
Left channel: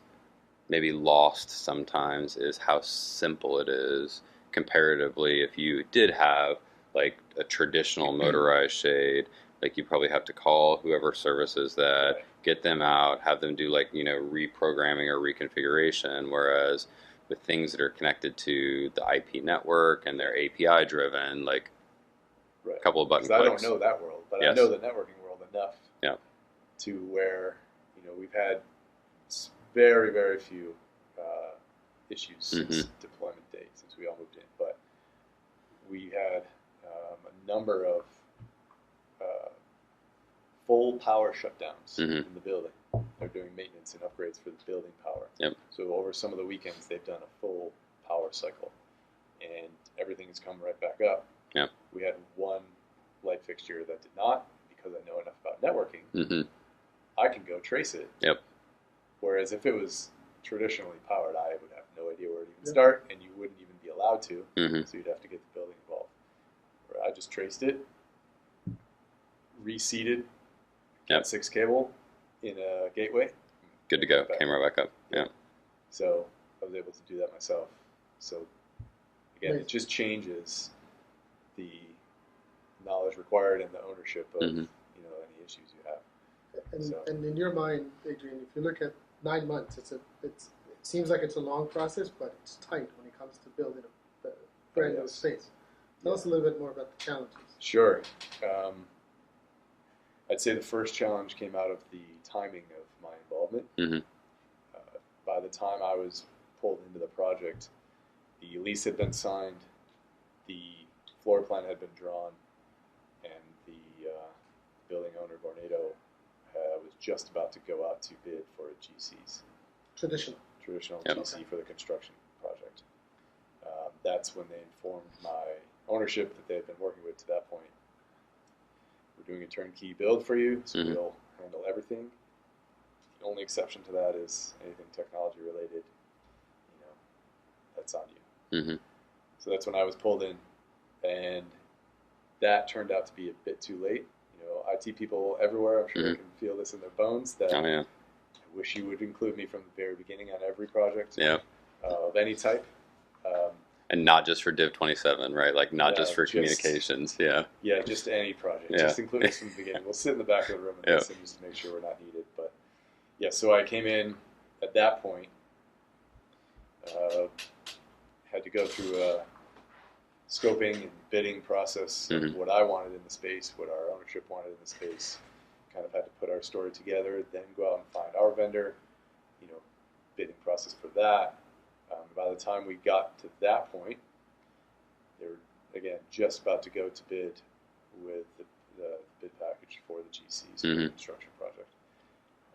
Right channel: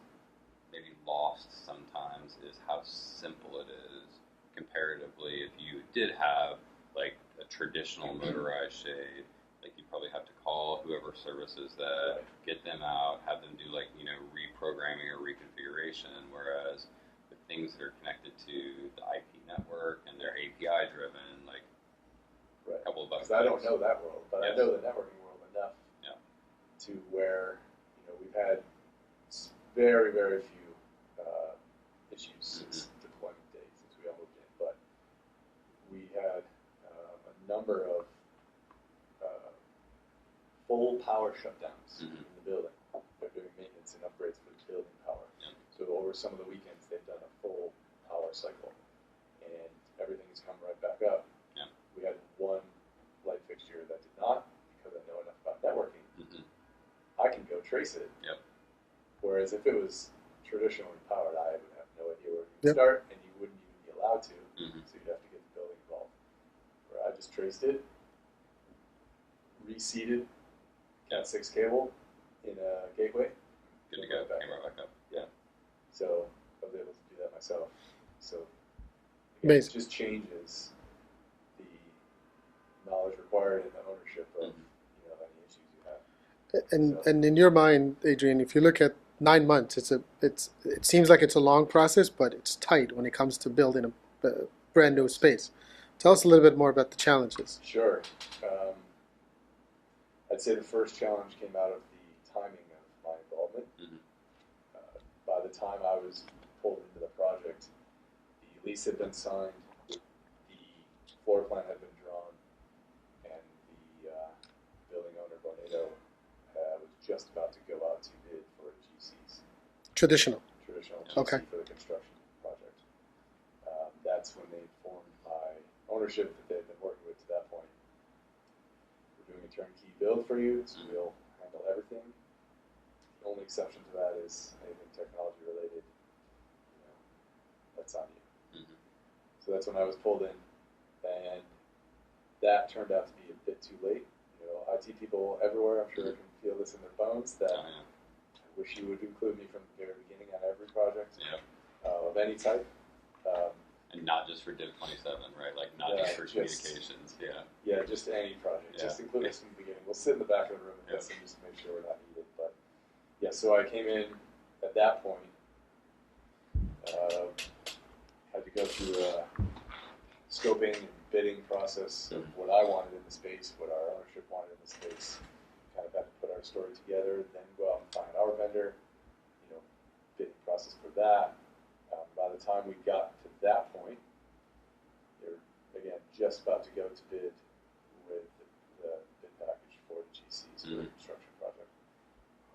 maybe lost sometimes is how simple it is comparatively. If you did have like a traditional motorized shade, like you probably have to call whoever services that, get them out, have them do like, reprogramming or reconfiguration. Whereas with things that are connected to the IP network and they're API driven, like a couple of button clicks. I don't know that world, but I know the networking world enough to where, we've had very, very few issues since deployment date, since we all moved in. But number of full power shutdowns Mhm. in the building. They're doing maintenance and upgrades for the building power. Yep. So over some of the weekends, they've done a full power cycle, and everything has come right back up. Yep. We had one light fixture that did not, because I know enough about networking. Mhm. I can go trace it. Yep. Whereas if it was traditionally powered, I would have no idea where to even Yep. start, and you wouldn't even be allowed to. Mhm. So you'd have to get the building involved. Where I just traced it, reseated Yep. Cat 6 cable in a gateway. Good to go. Back. Came right back up. Yeah. So I was able to do that myself. So again, Amazing. it just changes the knowledge required and the ownership of Mhm. any issues you have. And So- and in your mind, Adrian, if you look at 9 months, it seems like it's a long process, but it's tight when it comes to building a brand new Yes. space. Tell us a little bit more about the challenges. Sure. I'd say the first challenge came out of the timing of my involvement. Mhm. By the time I was pulled into the project, the lease had been signed, the floor plan had been drawn, and the building owner, Vornado, was just about to go out to bid for a GC's, Traditional. traditional Yep. GC Okay. for the construction project. That's when they informed my ownership that they had been working with to that point. We're doing a turnkey build for you, so Mhm. we'll handle everything. The only exception to that is anything technology related, that's on you. Mhm. So that's when I was pulled in, and that turned out to be a bit too late. IT people everywhere, I'm sure they Mhm. can feel this in their bones, that Oh yeah. I wish you would include me from the very beginning on every project Yeah. of any type. And not just for Div 27, right? Like not Yeah, just for just- communications. Yeah. Yeah, just any project. Yeah. Just include us from the beginning. We'll sit in the back of the room and Yeah. listen just to make sure we're not needed. But yeah, so I came in at that point, had to go through a scoping and bidding process of Mhm. what I wanted in the space, what our ownership wanted in the space. Kind of had to put our story together, then go out and find our vendor, bidding process for that. By the time we got to that point, they were, again, just about to go to bid with the bid package for the GCs for the Mhm. construction project.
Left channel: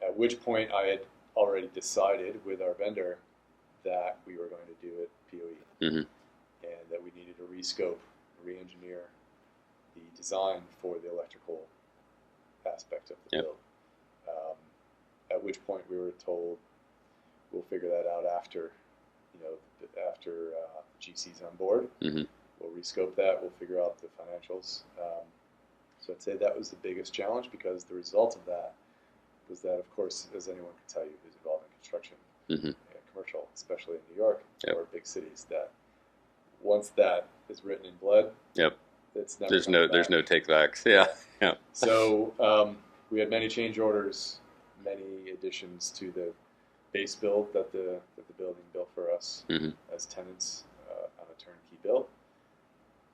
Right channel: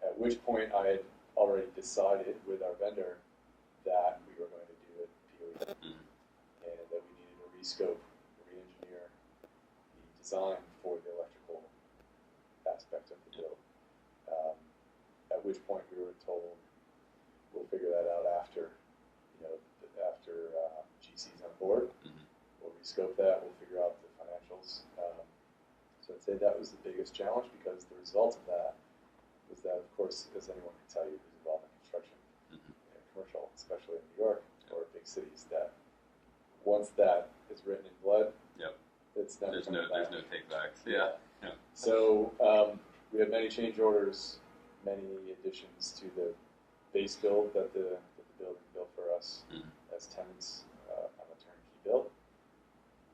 At which point I had already decided with our vendor that we were going to do it PoE Mhm. and that we needed to rescope, re-engineer the design for the electrical aspect of the Yep. build. At which point we were told we'll figure that out after GC's on board. Mhm. We'll rescope that. We'll figure out the financials. So I'd say that was the biggest challenge, because the result of that was that, of course, as anyone can tell you who's involved in construction, Mhm. commercial, especially in New York Yep. or big cities, that once that is written in blood, Yep. it's never There's coming no back. take backs. Yeah. Yeah. So we had many change orders, many additions to the base build that the building built for us Mhm. as tenants on a turnkey build.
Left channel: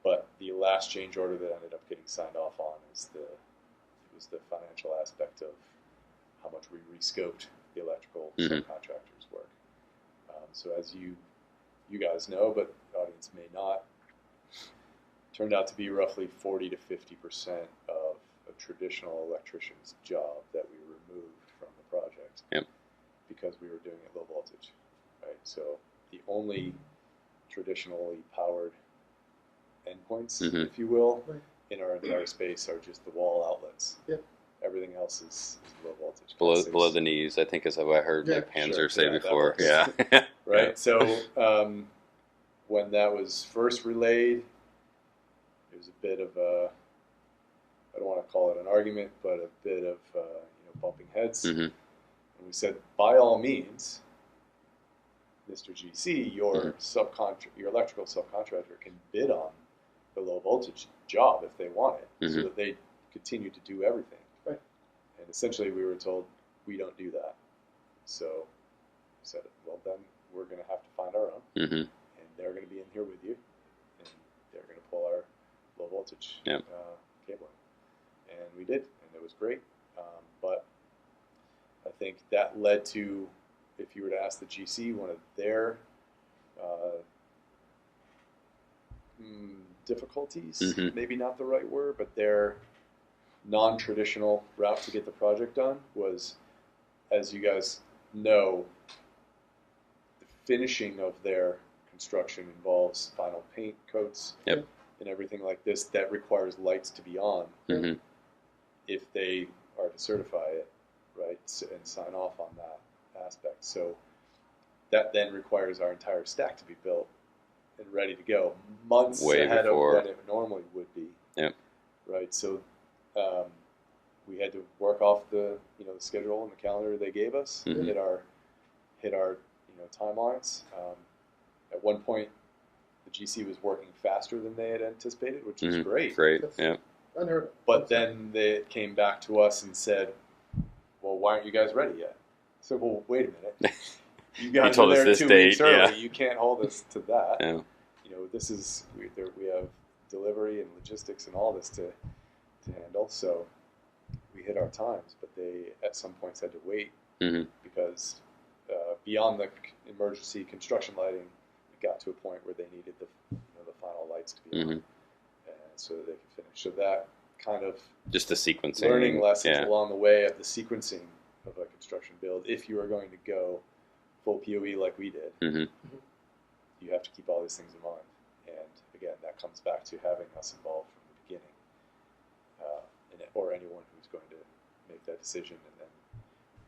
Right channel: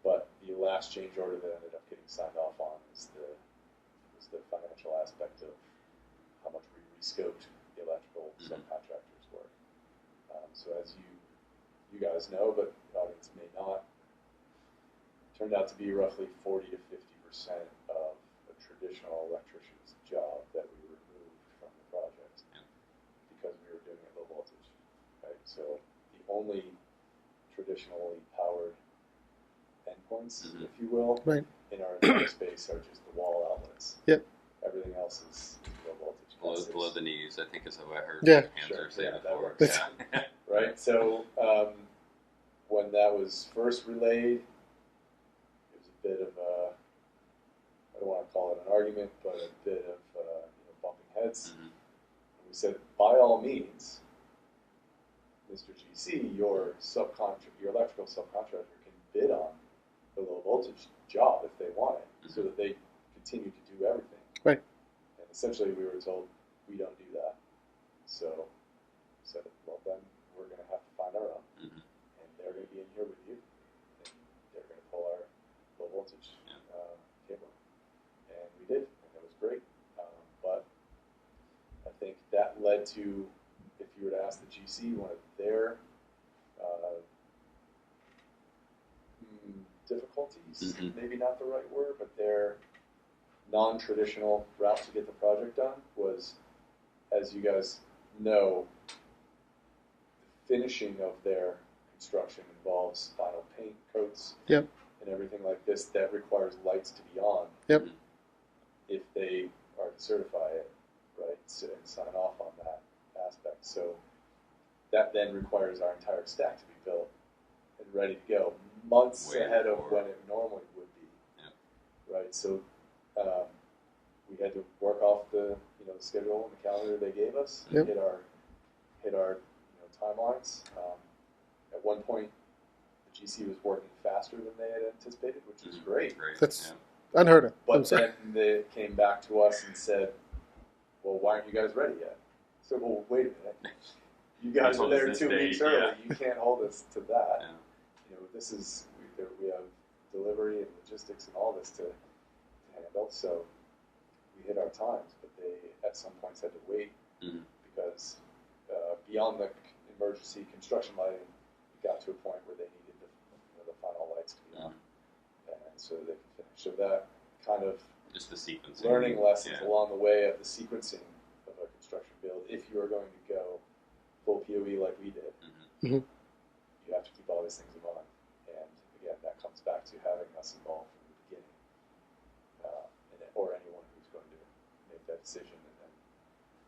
But the last change order that ended up getting signed off on was the financial aspect of how much we rescoped the electrical Mhm. subcontractors' work. So as you guys know, but the audience may not, turned out to be roughly 40 to 50% of a traditional electrician's job that we removed from the project. Yep. Because we were doing it low voltage, right? So the only traditionally powered endpoints, Mhm. if you will, Right. in our network space are just the wall outlets. Yep. Everything else is low voltage. Below the knees, I think is what I heard Yeah. Panzer Sure, say yeah, that before. works. Yeah. Right. So when that was first relayed, it was a bit of a, I don't want to call it an argument, but a bit of bumping heads. Mhm. And we said, by all means, Mr. GC, your Mhm. your electrical subcontractor can bid on the low voltage job if they want it, so Mhm. that they continue to do everything. Right. And essentially, we were told we don't do that. So we said, well, then we're going to have to find our own, Mhm. and they're going to be in here with you, and they're going to pull our low voltage Yep. cable. And we did, and it was great. But I think that led to, if you were to ask the GC, one of their difficulties, Mhm. maybe not the right word, but their non-traditional route to get the project done was, as you guys know, the finishing of their construction involves final paint coats Yep. and everything like this that requires lights to be on Yep. Mhm. if they are to certify it, right, and sign off on that aspect. So that then requires our entire stack to be built and ready to go months Way ahead before. of than it normally would be. Yep. Right. So we had to work off the the schedule and the calendar they gave us, Mhm. hit our timelines. At one point, the GC was working faster than they had anticipated, which is Mhm. great. Great. That's Yeah. unheard of. I'm But sorry. then they came back to us and said, "Well, why aren't you guys ready yet?" So, well, wait a minute. You guys told are us there this 2 date, weeks early. yeah. You can't hold us to that. Yeah. This is we have delivery and logistics and all this to handle. So we hit our times, but they at some points had to wait Mhm. because beyond the emergency construction lighting, it got to a point where they needed the final lights to be on, Mhm. and so they could finish. So that kind of Just the sequencing. learning lessons Yeah. along the way of the sequencing of a construction build. If you are going to go full PoE like we did, Mhm. you have to keep all these things in mind. And again, that comes back to having us involved from the beginning, or anyone who's going to make that decision and then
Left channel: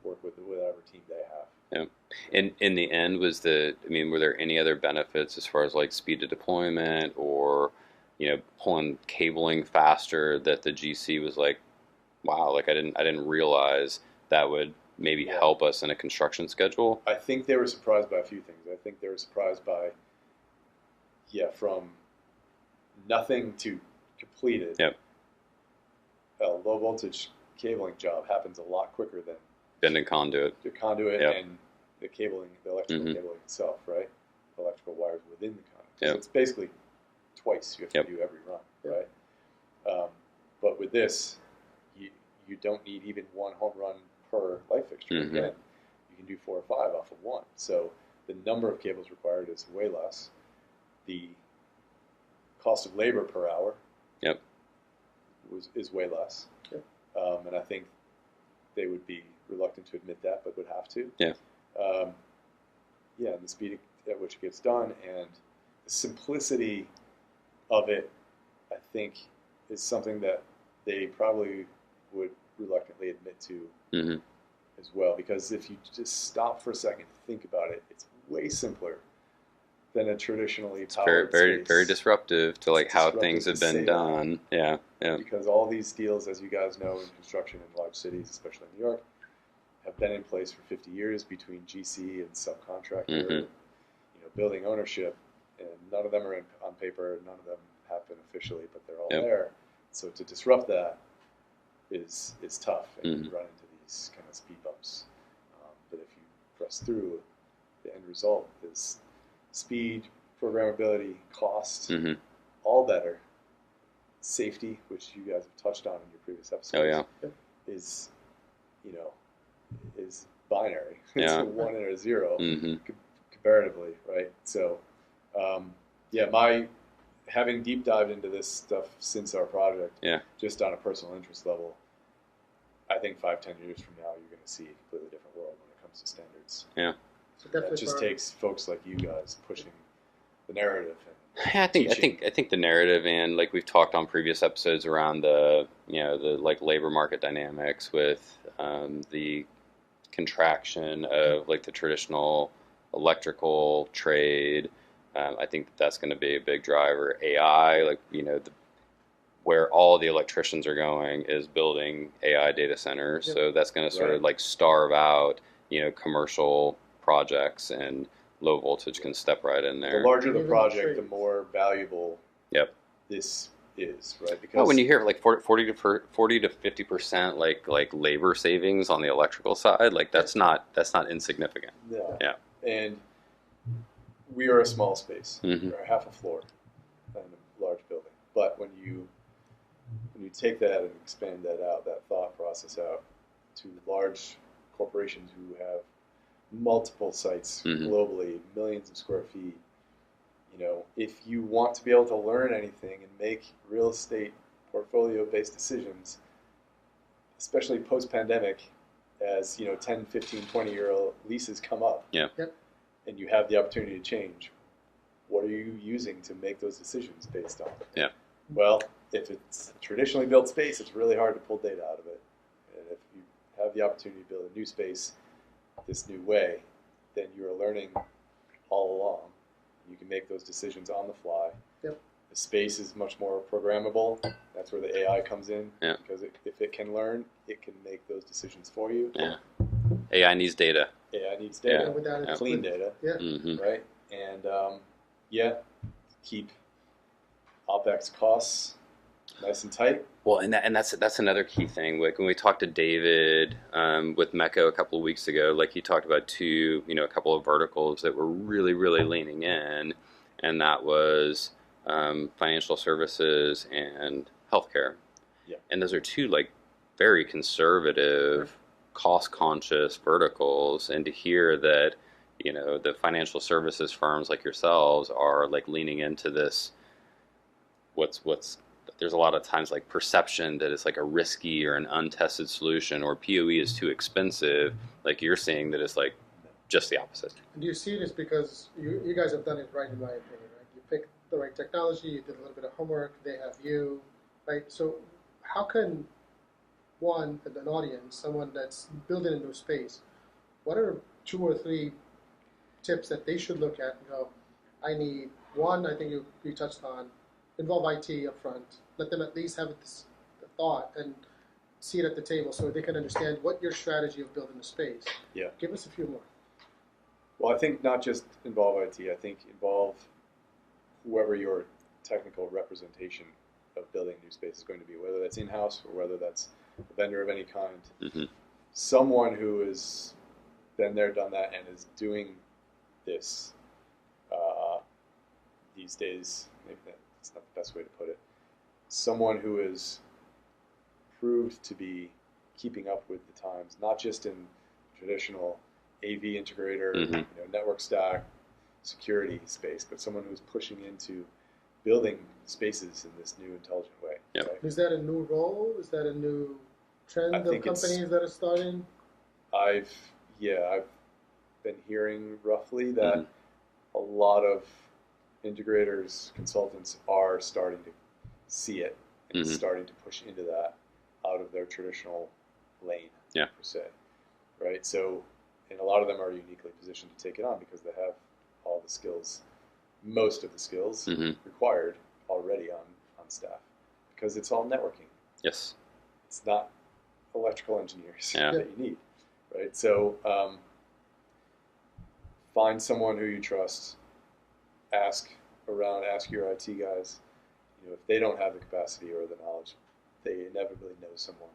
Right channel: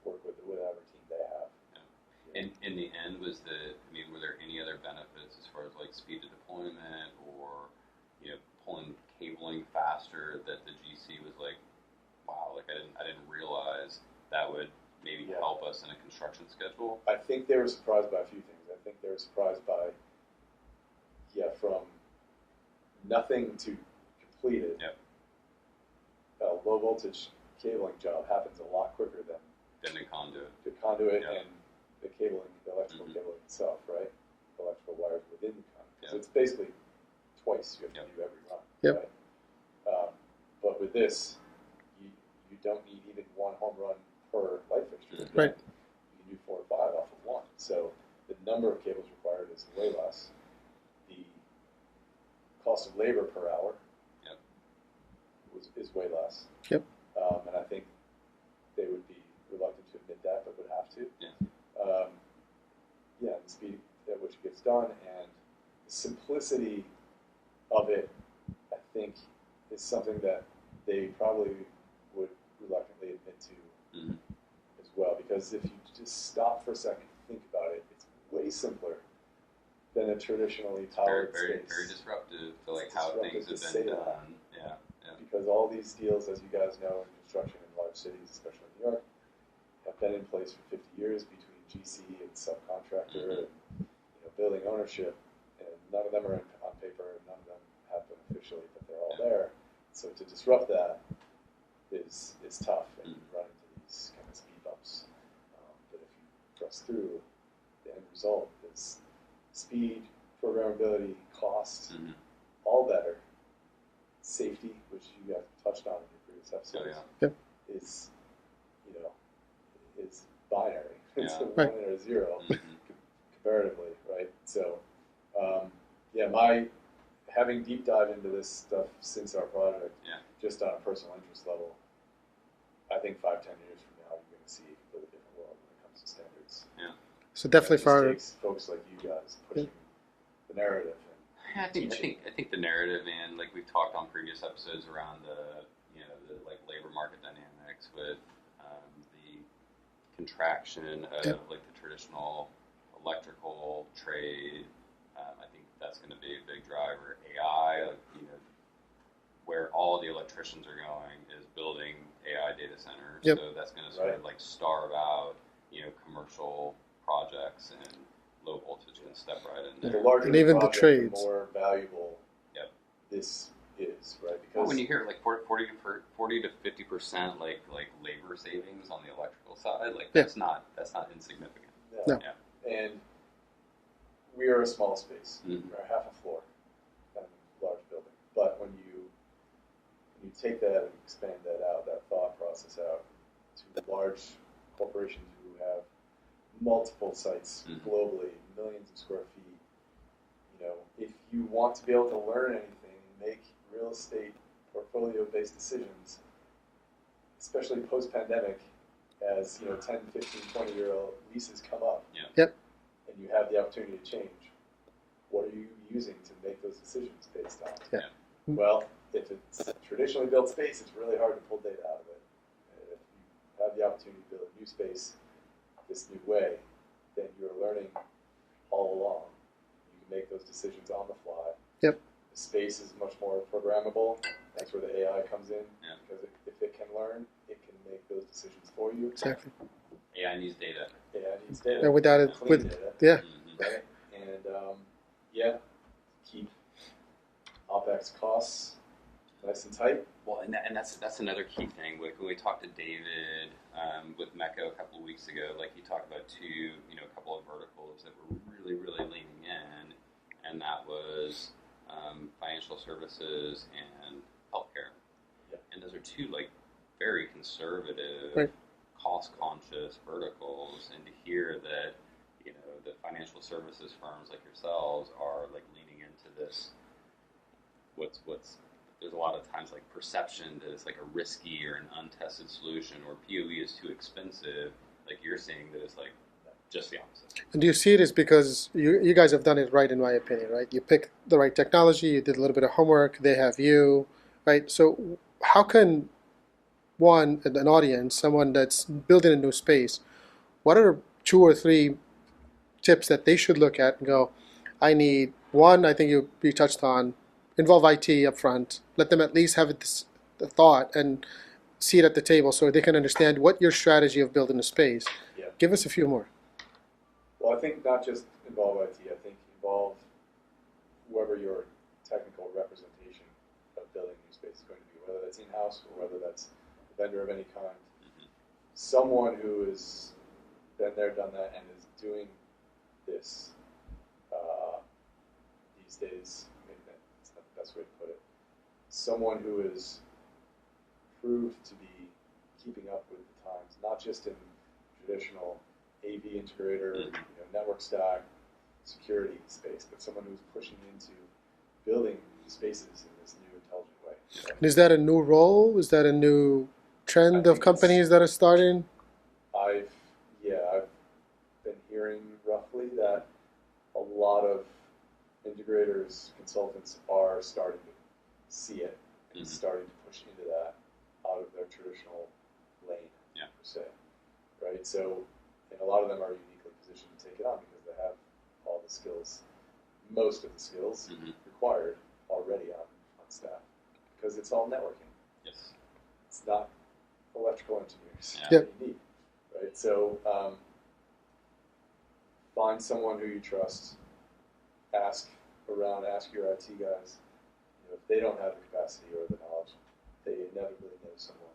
work with whatever team they have. Yeah. And in the end, were there any other benefits as far as like speed of deployment or, pulling cabling faster that the GC was like, wow, like I didn't realize that would maybe Yeah. help us in a construction schedule? I think they were surprised by a few things. I think they were surprised by, from nothing to completed. Yep. A low voltage cabling job happens a lot quicker than Bending conduit. the conduit Yep. and the cabling, the electrical Mhm. cabling itself, right? Electrical wires within the conduit. Yep. So it's basically twice you have Yep. to do every run, Yep. right? But with this, you don't need even one home run per light fixture. Mhm. Right. You can do 4 or 5 off of one. So the number of cables required is way less. The cost of labor per hour Yep. is way less. Yep. And I think they would be reluctant to admit that, but would have to. Yeah. And the speed at which it gets done and the simplicity of it, I think, is something that they probably would reluctantly admit to Mhm. as well. Because if you just stop for a second to think about it, it's way simpler than a traditionally It's very, powered very, space. very disruptive to like how Disruptive things to have say been that. done. Yeah. Yeah. Because all these deals, as you guys know, in construction in large cities, especially in New York, have been in place for 50 years between GC and subcontractor, Mhm. and, building ownership, and none of them are on paper, none of them have been officially, but they're all Yep. there. So to disrupt that is tough, and you Mhm. run into these kind of speed bumps. But if you press through, the end result is speed, programmability, cost, Mhm. all better. Safety, which you guys have touched on in your previous episodes, Oh yeah. Yep. is is binary. It's Yeah. a 1 and a 0 Mhm. comparatively, right? So, my having deep dived into this stuff since our project, Yeah. just on a personal interest level, I think 5-10 years from now, you're going to see a completely different world when it comes to standards. Yeah. So It definitely just for our, takes folks like you guys pushing the narrative. Yeah, I think the narrative, and like we've talked on previous episodes around the like labor market dynamics with the contraction of like the traditional electrical trade. I think that's going to be a big driver. AI, like where all the electricians are going is building AI data centers. Yep. So that's going to sort Right. of like starve out commercial projects, and low voltage can step right in The there. larger And the even the project, the trades. more valuable Yep. this is, right? Because Well, when you hear like 40 to 50% like labor savings on the electrical side, like that's not insignificant. No. Yeah. And we are a small space. Mhm. We're half a floor in a large building. But when you take that and expand that out, that thought process out to large corporations who have multiple sites Mhm. globally, millions of square feet, if you want to be able to learn anything and make real estate portfolio-based decisions, especially post-pandemic, as 10, 15, 20-year-old leases come up, and you have the opportunity to change, what are you using to make those decisions based on? Yeah. Well, if it's a traditionally built space, it's really hard to pull data out of it. And if you have the opportunity to build a new space this new way, then you're learning all along. You can make those decisions on the fly. Yep. The space is much more programmable. That's where the AI comes in. Yeah. Because if it can learn, it can make those decisions for you. Exactly. AI needs data. AI needs data. And without it, Clean data. Yeah. Mm-hmm. Right? And keep OpEx costs nice and tight. Well, and that's another key thing. Like when we talked to David with Mecca a couple of weeks ago, like he talked about a couple of verticals that were really, really leaning in, and that was financial services and healthcare. Yeah. And those are two like very conservative, cost-conscious verticals. And to hear that, the financial services firms like yourselves are like leaning into this, there's a lot of times like perception that it's like a risky or an untested solution, or PoE is too expensive. Like you're saying that it's like just the opposite. And do you see it as because you guys have done it right, in my opinion, right? You picked the right technology, you did a little bit of homework, they have you, right? So how can an audience, someone that's building a new space, what are 2 or 3 tips that they should look at and go, I need one, I think you touched on, involve IT up front, let them at least have the thought and see it at the table so they can understand what your strategy of building a space. Yeah. Give us a few more. Well, I think not just involve IT, I think involve whoever your technical representation of building a new space is going to be, whether that's in-house or whether that's a vendor of any kind. Mm-hmm. Someone who has been there, done that, and is doing this these days. Maybe that's not the best way to put it. Someone who is proved to be keeping up with the times, not just in traditional AV integrator, Mm-hmm. network stack, security space, but someone who's pushing into building spaces in this new intelligent way. Yep. Right? And is that a new role? Is that a new trend I of think companies that are starting? I've been hearing roughly that Mm-hmm. a lot of integrators, consultants are starting to see it and Mm-hmm. starting to push into that out of their traditional lane, per se. Right? So, and a lot of them are uniquely positioned to take it on because they have all the skills, most of the skills Mm-hmm. required already on staff because it's all networking. Yes. It's not electrical engineers Yeah. that you need, right? So find someone who you trust. Ask your IT guys. If they don't have the capacity or the knowledge, they inevitably know someone.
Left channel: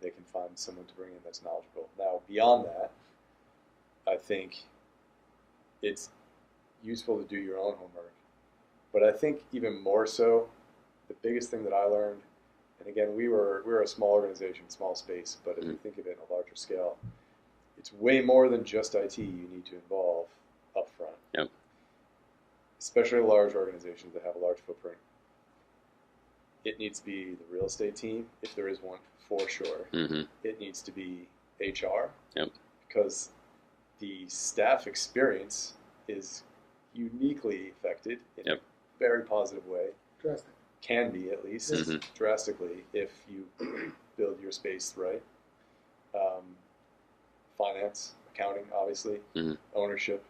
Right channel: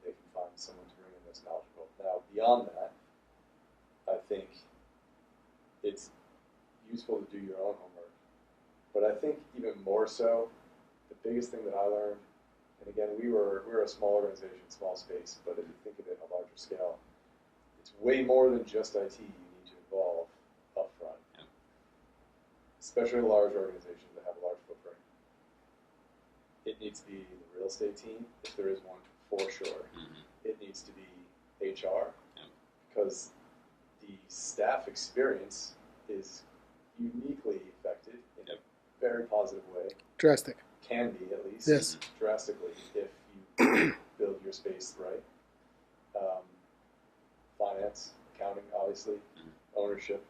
They can find someone to bring in that's knowledgeable. Now, beyond that, I think it's useful to do your own homework. But I think even more so, the biggest thing that I learned, and again, we're a small organization, small space, but if you think of it on a larger scale, it's way more than just IT you need to involve up front. Yep. Especially large organizations that have a large footprint. It needs to be the real estate team, if there is one, for sure. Mm-hmm. It needs to be HR, Yep. because the staff experience is uniquely affected in Yep. a very positive way. Drastic. Can be, at least, Yes. drastically, if you build your space right. Finance, accounting, obviously, Mm-hmm. ownership.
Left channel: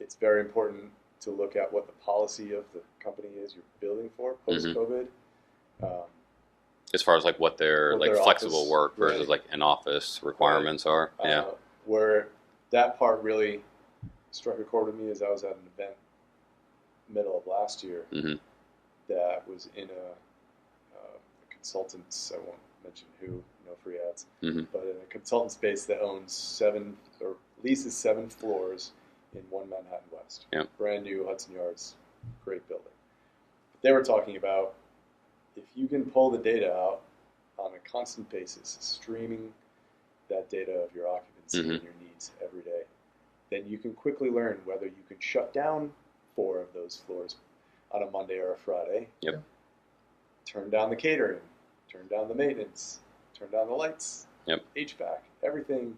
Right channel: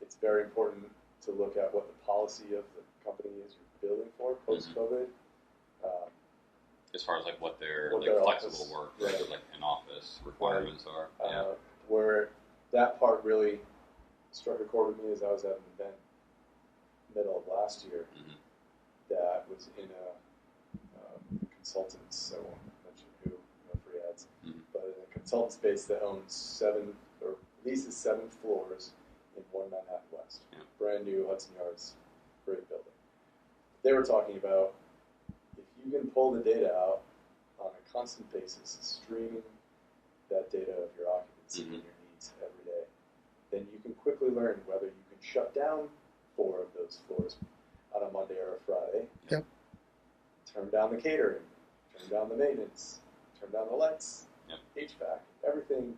It's very important to look at what the policy of the company is you're building for post-COVID. As far as like what their What like their flexible office- work versus right. like in-office requirements are. Yeah. Where that part really struck a chord with me is I was at an event middle of last year Mm-hmm. that was in a consultants, I won't mention who, no free ads, Mm-hmm. but in a consultant space that owns leases 7 floors in One Manhattan West. Yep. Brand new Hudson Yards, great building. But they were talking about if you can pull the data out on a constant basis, streaming that data of your occupancy Mm-hmm. and your needs every day, then you can quickly learn whether you can shut down 4 of those floors on a Monday or a Friday. Yep. Turn down the catering, turn down the maintenance, turn down the lights, Yep. HVAC, everything,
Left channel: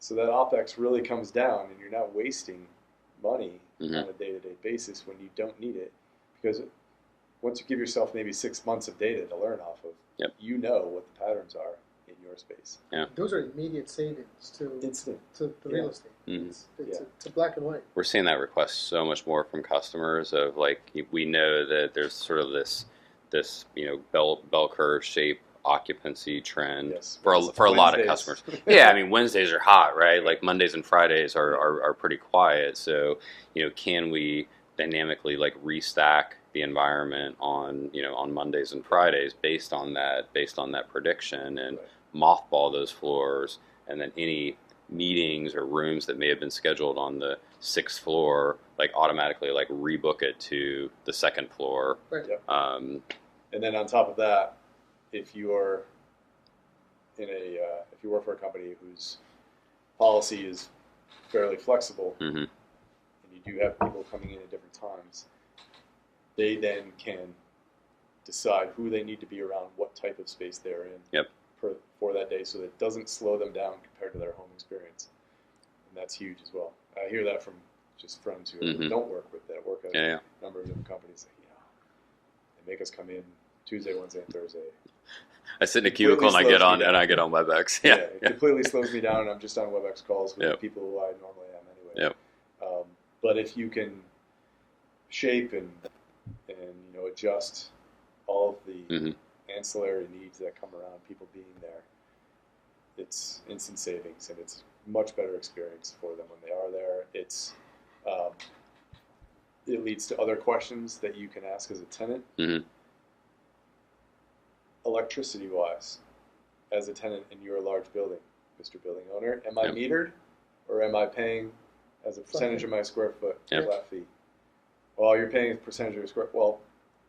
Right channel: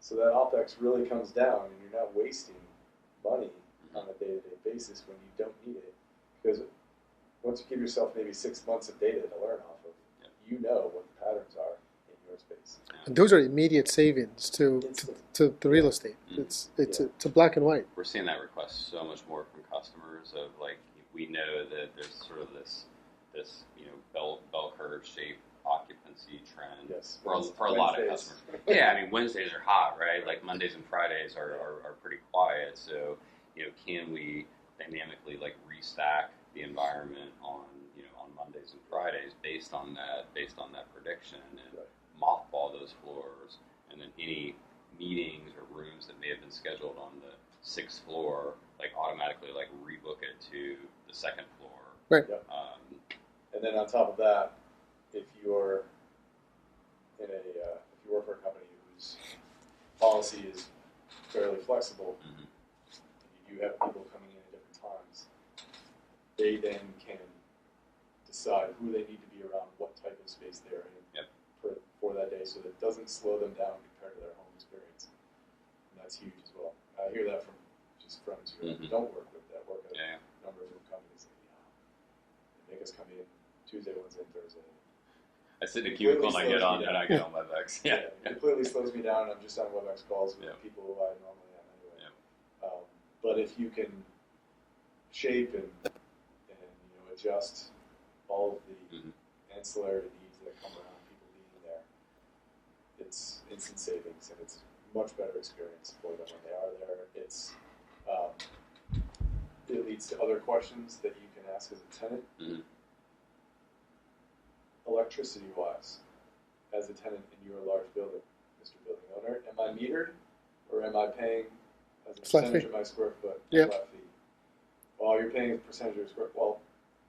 so that OpEx really comes down and you're not wasting money Mhm. on a day-to-day basis when you don't need it. Because once you give yourself maybe 6 months of data to learn off of, Yep. you know what the patterns are in your space. Yeah. And those are immediate savings to Instant. the real Yeah. estate. Mhm. It's Yeah. it's a black and white. We're seeing that request so much more from customers of like, we know that there's sort of this bell curve shape occupancy trend Yes. for a lot of Wednesdays. customers. Yeah, I mean, Wednesdays are hot, right? Like Mondays and Fridays are pretty quiet. So, can we dynamically like restack the environment on Mondays and Fridays based on that prediction, and Right. mothball those floors, and then any meetings or rooms that may have been scheduled on the 6th floor, like automatically like rebook it to the 2nd floor. Right. Yep. Um, And then on top of that, if you're if you work for a company whose policy is fairly flexible, mhm. and you do have people coming in at different times, they then can decide who they need to be around, what type of space they're in Yep. for that day, so that it doesn't slow them down compared to their home experience. And that's huge as well. I hear that from just friends who Mhm. don't work with that, work at Yeah. a number of different companies. They make us come in Tuesday, Wednesday, and Thursday. I sit in a Completely cubicle and I slows get me on down. and I get on WebEx. Yeah, Yeah. it Yeah. completely slows me down, and I'm just on WebEx calls with Yep. people who I normally am anyway. Yep. But if you can shape and adjust all of the Mhm. ancillary needs that come around people being there, it's instant savings, and it's much better experience for them when they are there. It leads to other questions that you can ask as a tenant. Mhm. Electricity wise, as a tenant in your large building, Mr. Building Owner, am I Yep. metered, or am I paying as a Flat percentage fee. of my square foot Yep. flat fee? Well, you're paying a percentage of your square. Well,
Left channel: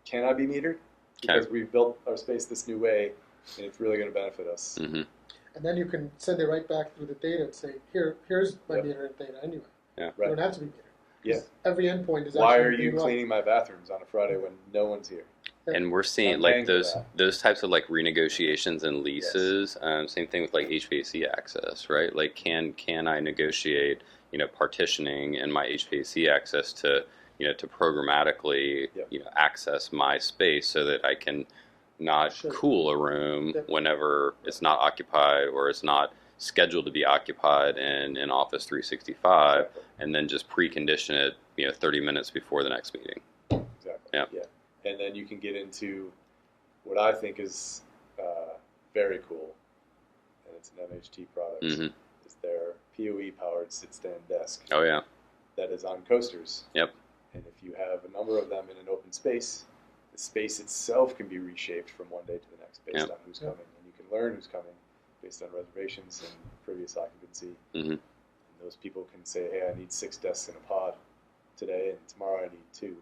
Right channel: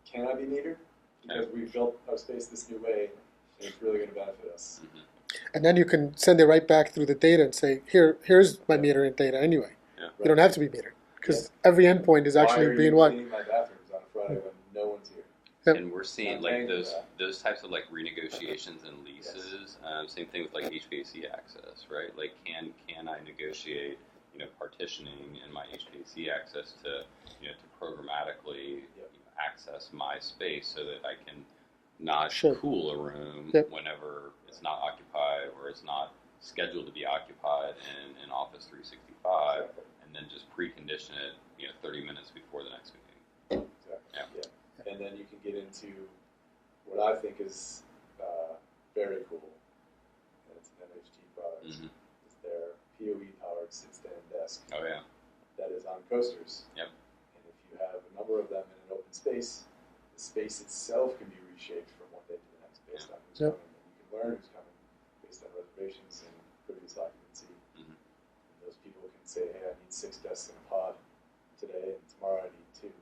can I be metered? Because we've built our space this new way, and it's really going to benefit us. Mhm. And then you can send it right back through the data and say, here's my Yep. metering data anyway. Yeah. You don't have to be metered because Yeah. every endpoint is Why actually are you being what? cleaning my bathrooms on a Friday when no one's here? Yep. And we're seeing I'm like paying for those that. types of like renegotiations and leases. Same thing with like HVAC access, right? Like can I negotiate partitioning in my HVAC access to to programmatically Yep. access my space so that I can not Sure. cool a room Yep. whenever it's not occupied or it's not scheduled to be occupied in Office 365, Exactly. and then just precondition it 30 minutes before the next meeting. Exactly. Yeah. Yeah. And then you can get into what I think is very cool, and it's an MHT product. Mhm. Is their PoE powered sit-stand desk Oh yeah. that is on coasters. Yep. And if you have a number of them in an open space, the space itself can be reshaped from one day to the next based Yep. on who's Yep. coming, and you can learn who's coming based on reservations and previous occupancy. Mhm. And those people can say, "Hey, I need 6 desks in a pod today, and tomorrow I need 2."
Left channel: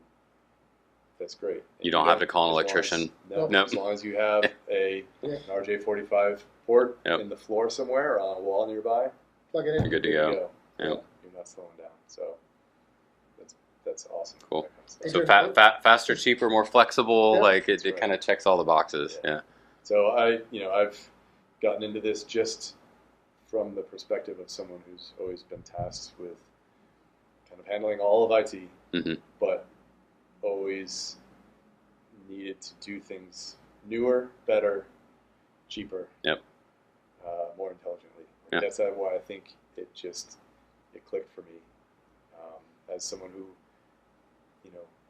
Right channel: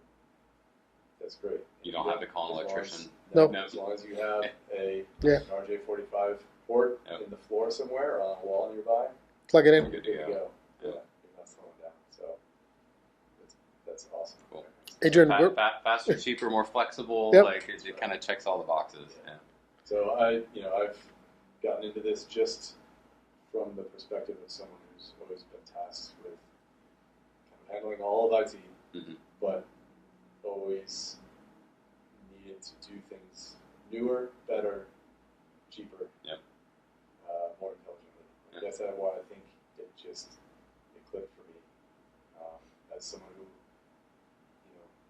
That's great. And You don't have to as call an long as- electrician. No, Nope. as long as you have an Yeah. RJ45 port Yep. in the floor somewhere or on a wall nearby, Plug it in. You're good to there you go. go. Yep. Yeah, you're not slowing down. So that's awesome. Cool. That kind of stuff. Adrian, So we're- faster, cheaper, more flexible. Yep. Like it That's right. kind of checks all the boxes. Yeah. So I've gotten into this just from the perspective of someone who's always been tasked with kind of handling all of IT, Mhm. but always needed to do things newer, better, cheaper, Yep. more intelligently. Yep. That's why I think it clicked for me as someone who,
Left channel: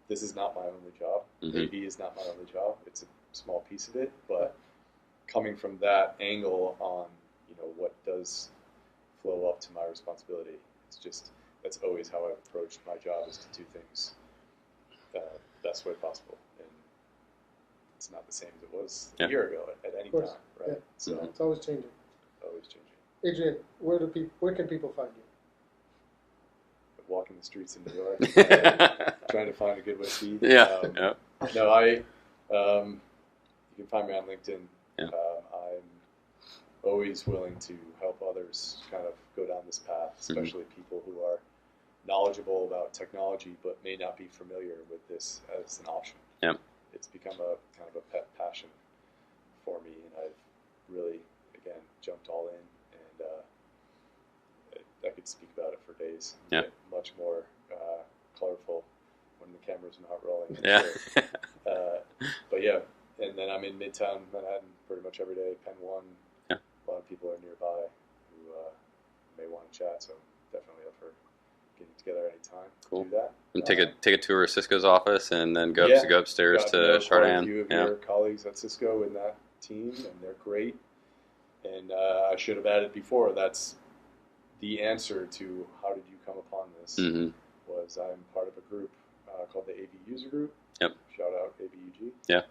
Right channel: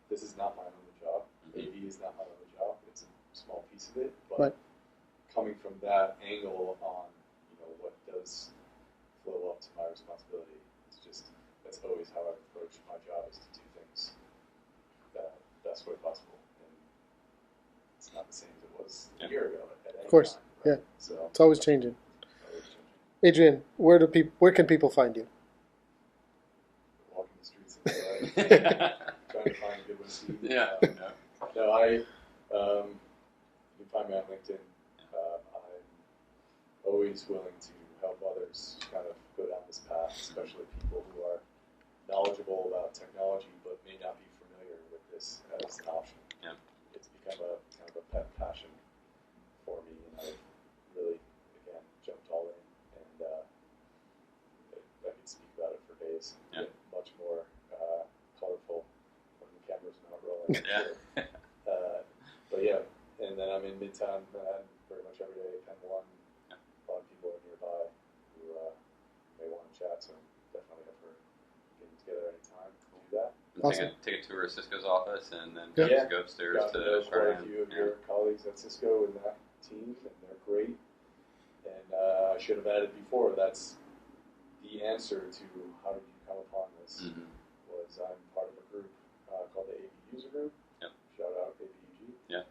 this is not my only job. Mhm. AV is not my only job. It's a small piece of it, but Right. coming from that angle on, what does flow up to my responsibility, that's always how I've approached my job, is to do things best way possible. And it's not the same as it was Yeah. a year ago at any course, time. Right? yeah. So It's always changing. always changing. Adrian, where can people find you? Walking the streets in Deloitte, trying to find a good whiskey. Yeah. Yeah. No, you can find me on LinkedIn. Yeah. I'm always willing to help others kind of go down this path, especially people who are knowledgeable about technology but may not be familiar with this as an option. Yep. It's become a kind of a pet passion for me, and I've really, again, jumped all in, and I could speak about it for days. And get much more colorful when the camera's not rolling. Yeah. But yeah, and then I'm in Midtown Manhattan pretty much every day, Penn 1. Yeah. A lot of people are nearby who may want to chat, so definitely up for getting together anytime. Cool. Do that. And Awesome. take a tour of Cisco's office, and then go upstairs Got to know quite a Chardan. few of Yeah. your colleagues at Cisco in that team, and they're great. And I should have added before, that's the answer to how did you come upon this, Mm-hmm. was I'm part of a group called the AV User Group. Yep. Shout out AVUG. Yeah.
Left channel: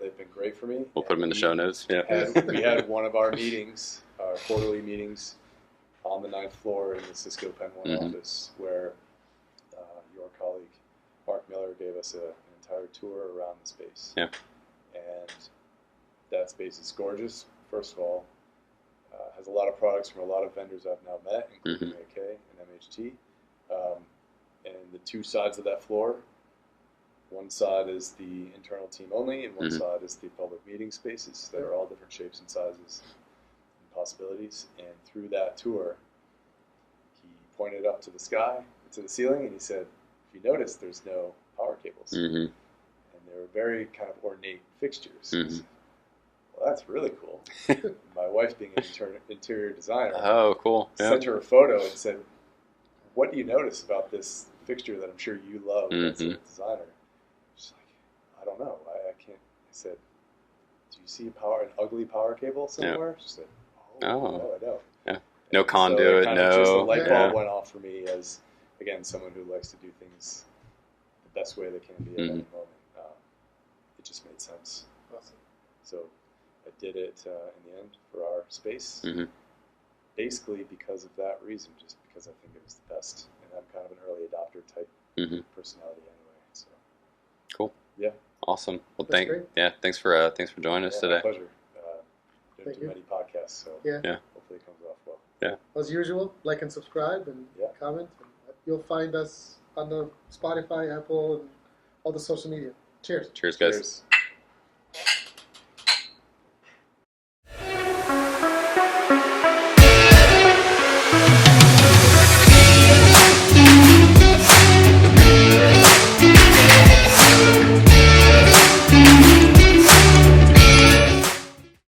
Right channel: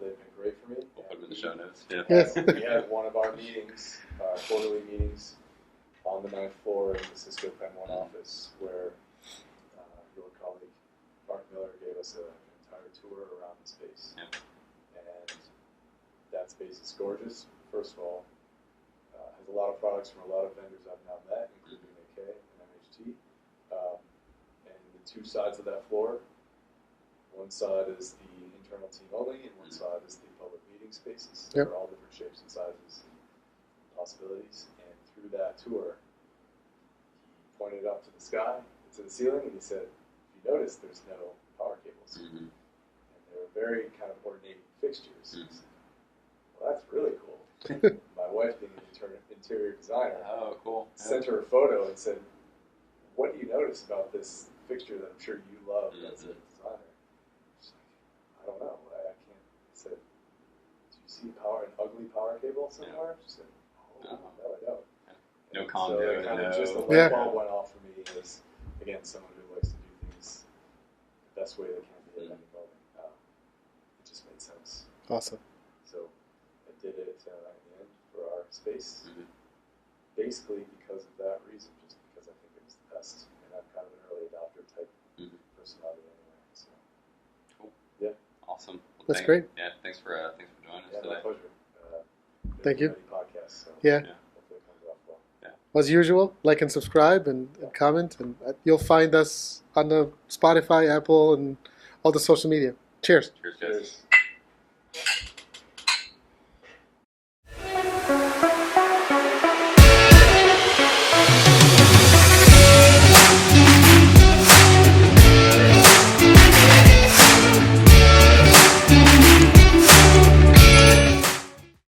They've been great for me. We'll put them in the show notes. Yeah. We had one of our meetings, our quarterly meetings, on the 9th floor in the Cisco Penn 1 Mhm. office, where your colleague Mark Miller gave us an entire tour around the space. Yeah. And that space is gorgeous. First of all, has a lot of products from a lot of vendors I've now met, including AK and MHT. And the two sides of that floor, one side is the internal team only, and one side is the public meeting spaces that are all different shapes and sizes and possibilities. And through that tour, he pointed up to the sky, to the ceiling, and he said, if you notice, there's no power cables. Mm-hmm. And they're very kind of ornate fixtures. Mhm. Well, that's really cool. My wife, being an interior designer, Oh, cool. Yeah. sent her a photo and said, what do you notice about this fixture that I'm sure you love as a designer? She's like, I don't know. I can't. I said, do you see an ugly power cable somewhere? She said, oh, Oh. no, I don't. Yeah. No And conduit, so it kind of just a no. light bulb Yeah. went off for me as, again, someone who likes to do things the best way they can be at any moment. It just made sense. Awesome. So I did it in the end for our space, Mhm. basically because of that reason, just because I think it was the best. And I'm kind of an early adopter type Mhm. personality anyway. So Cool. Yeah. Awesome. Well, That's great. Yeah. Thanks for joining us yeah, today. my pleasure. Thank you. Many podcasts, so Yeah. Yeah. hopefully it comes off well. As usual, like and subscribe and comment, and you'll find us on the Spotify, Apple, and all the social media. Cheers. Cheers, guys. Cheers.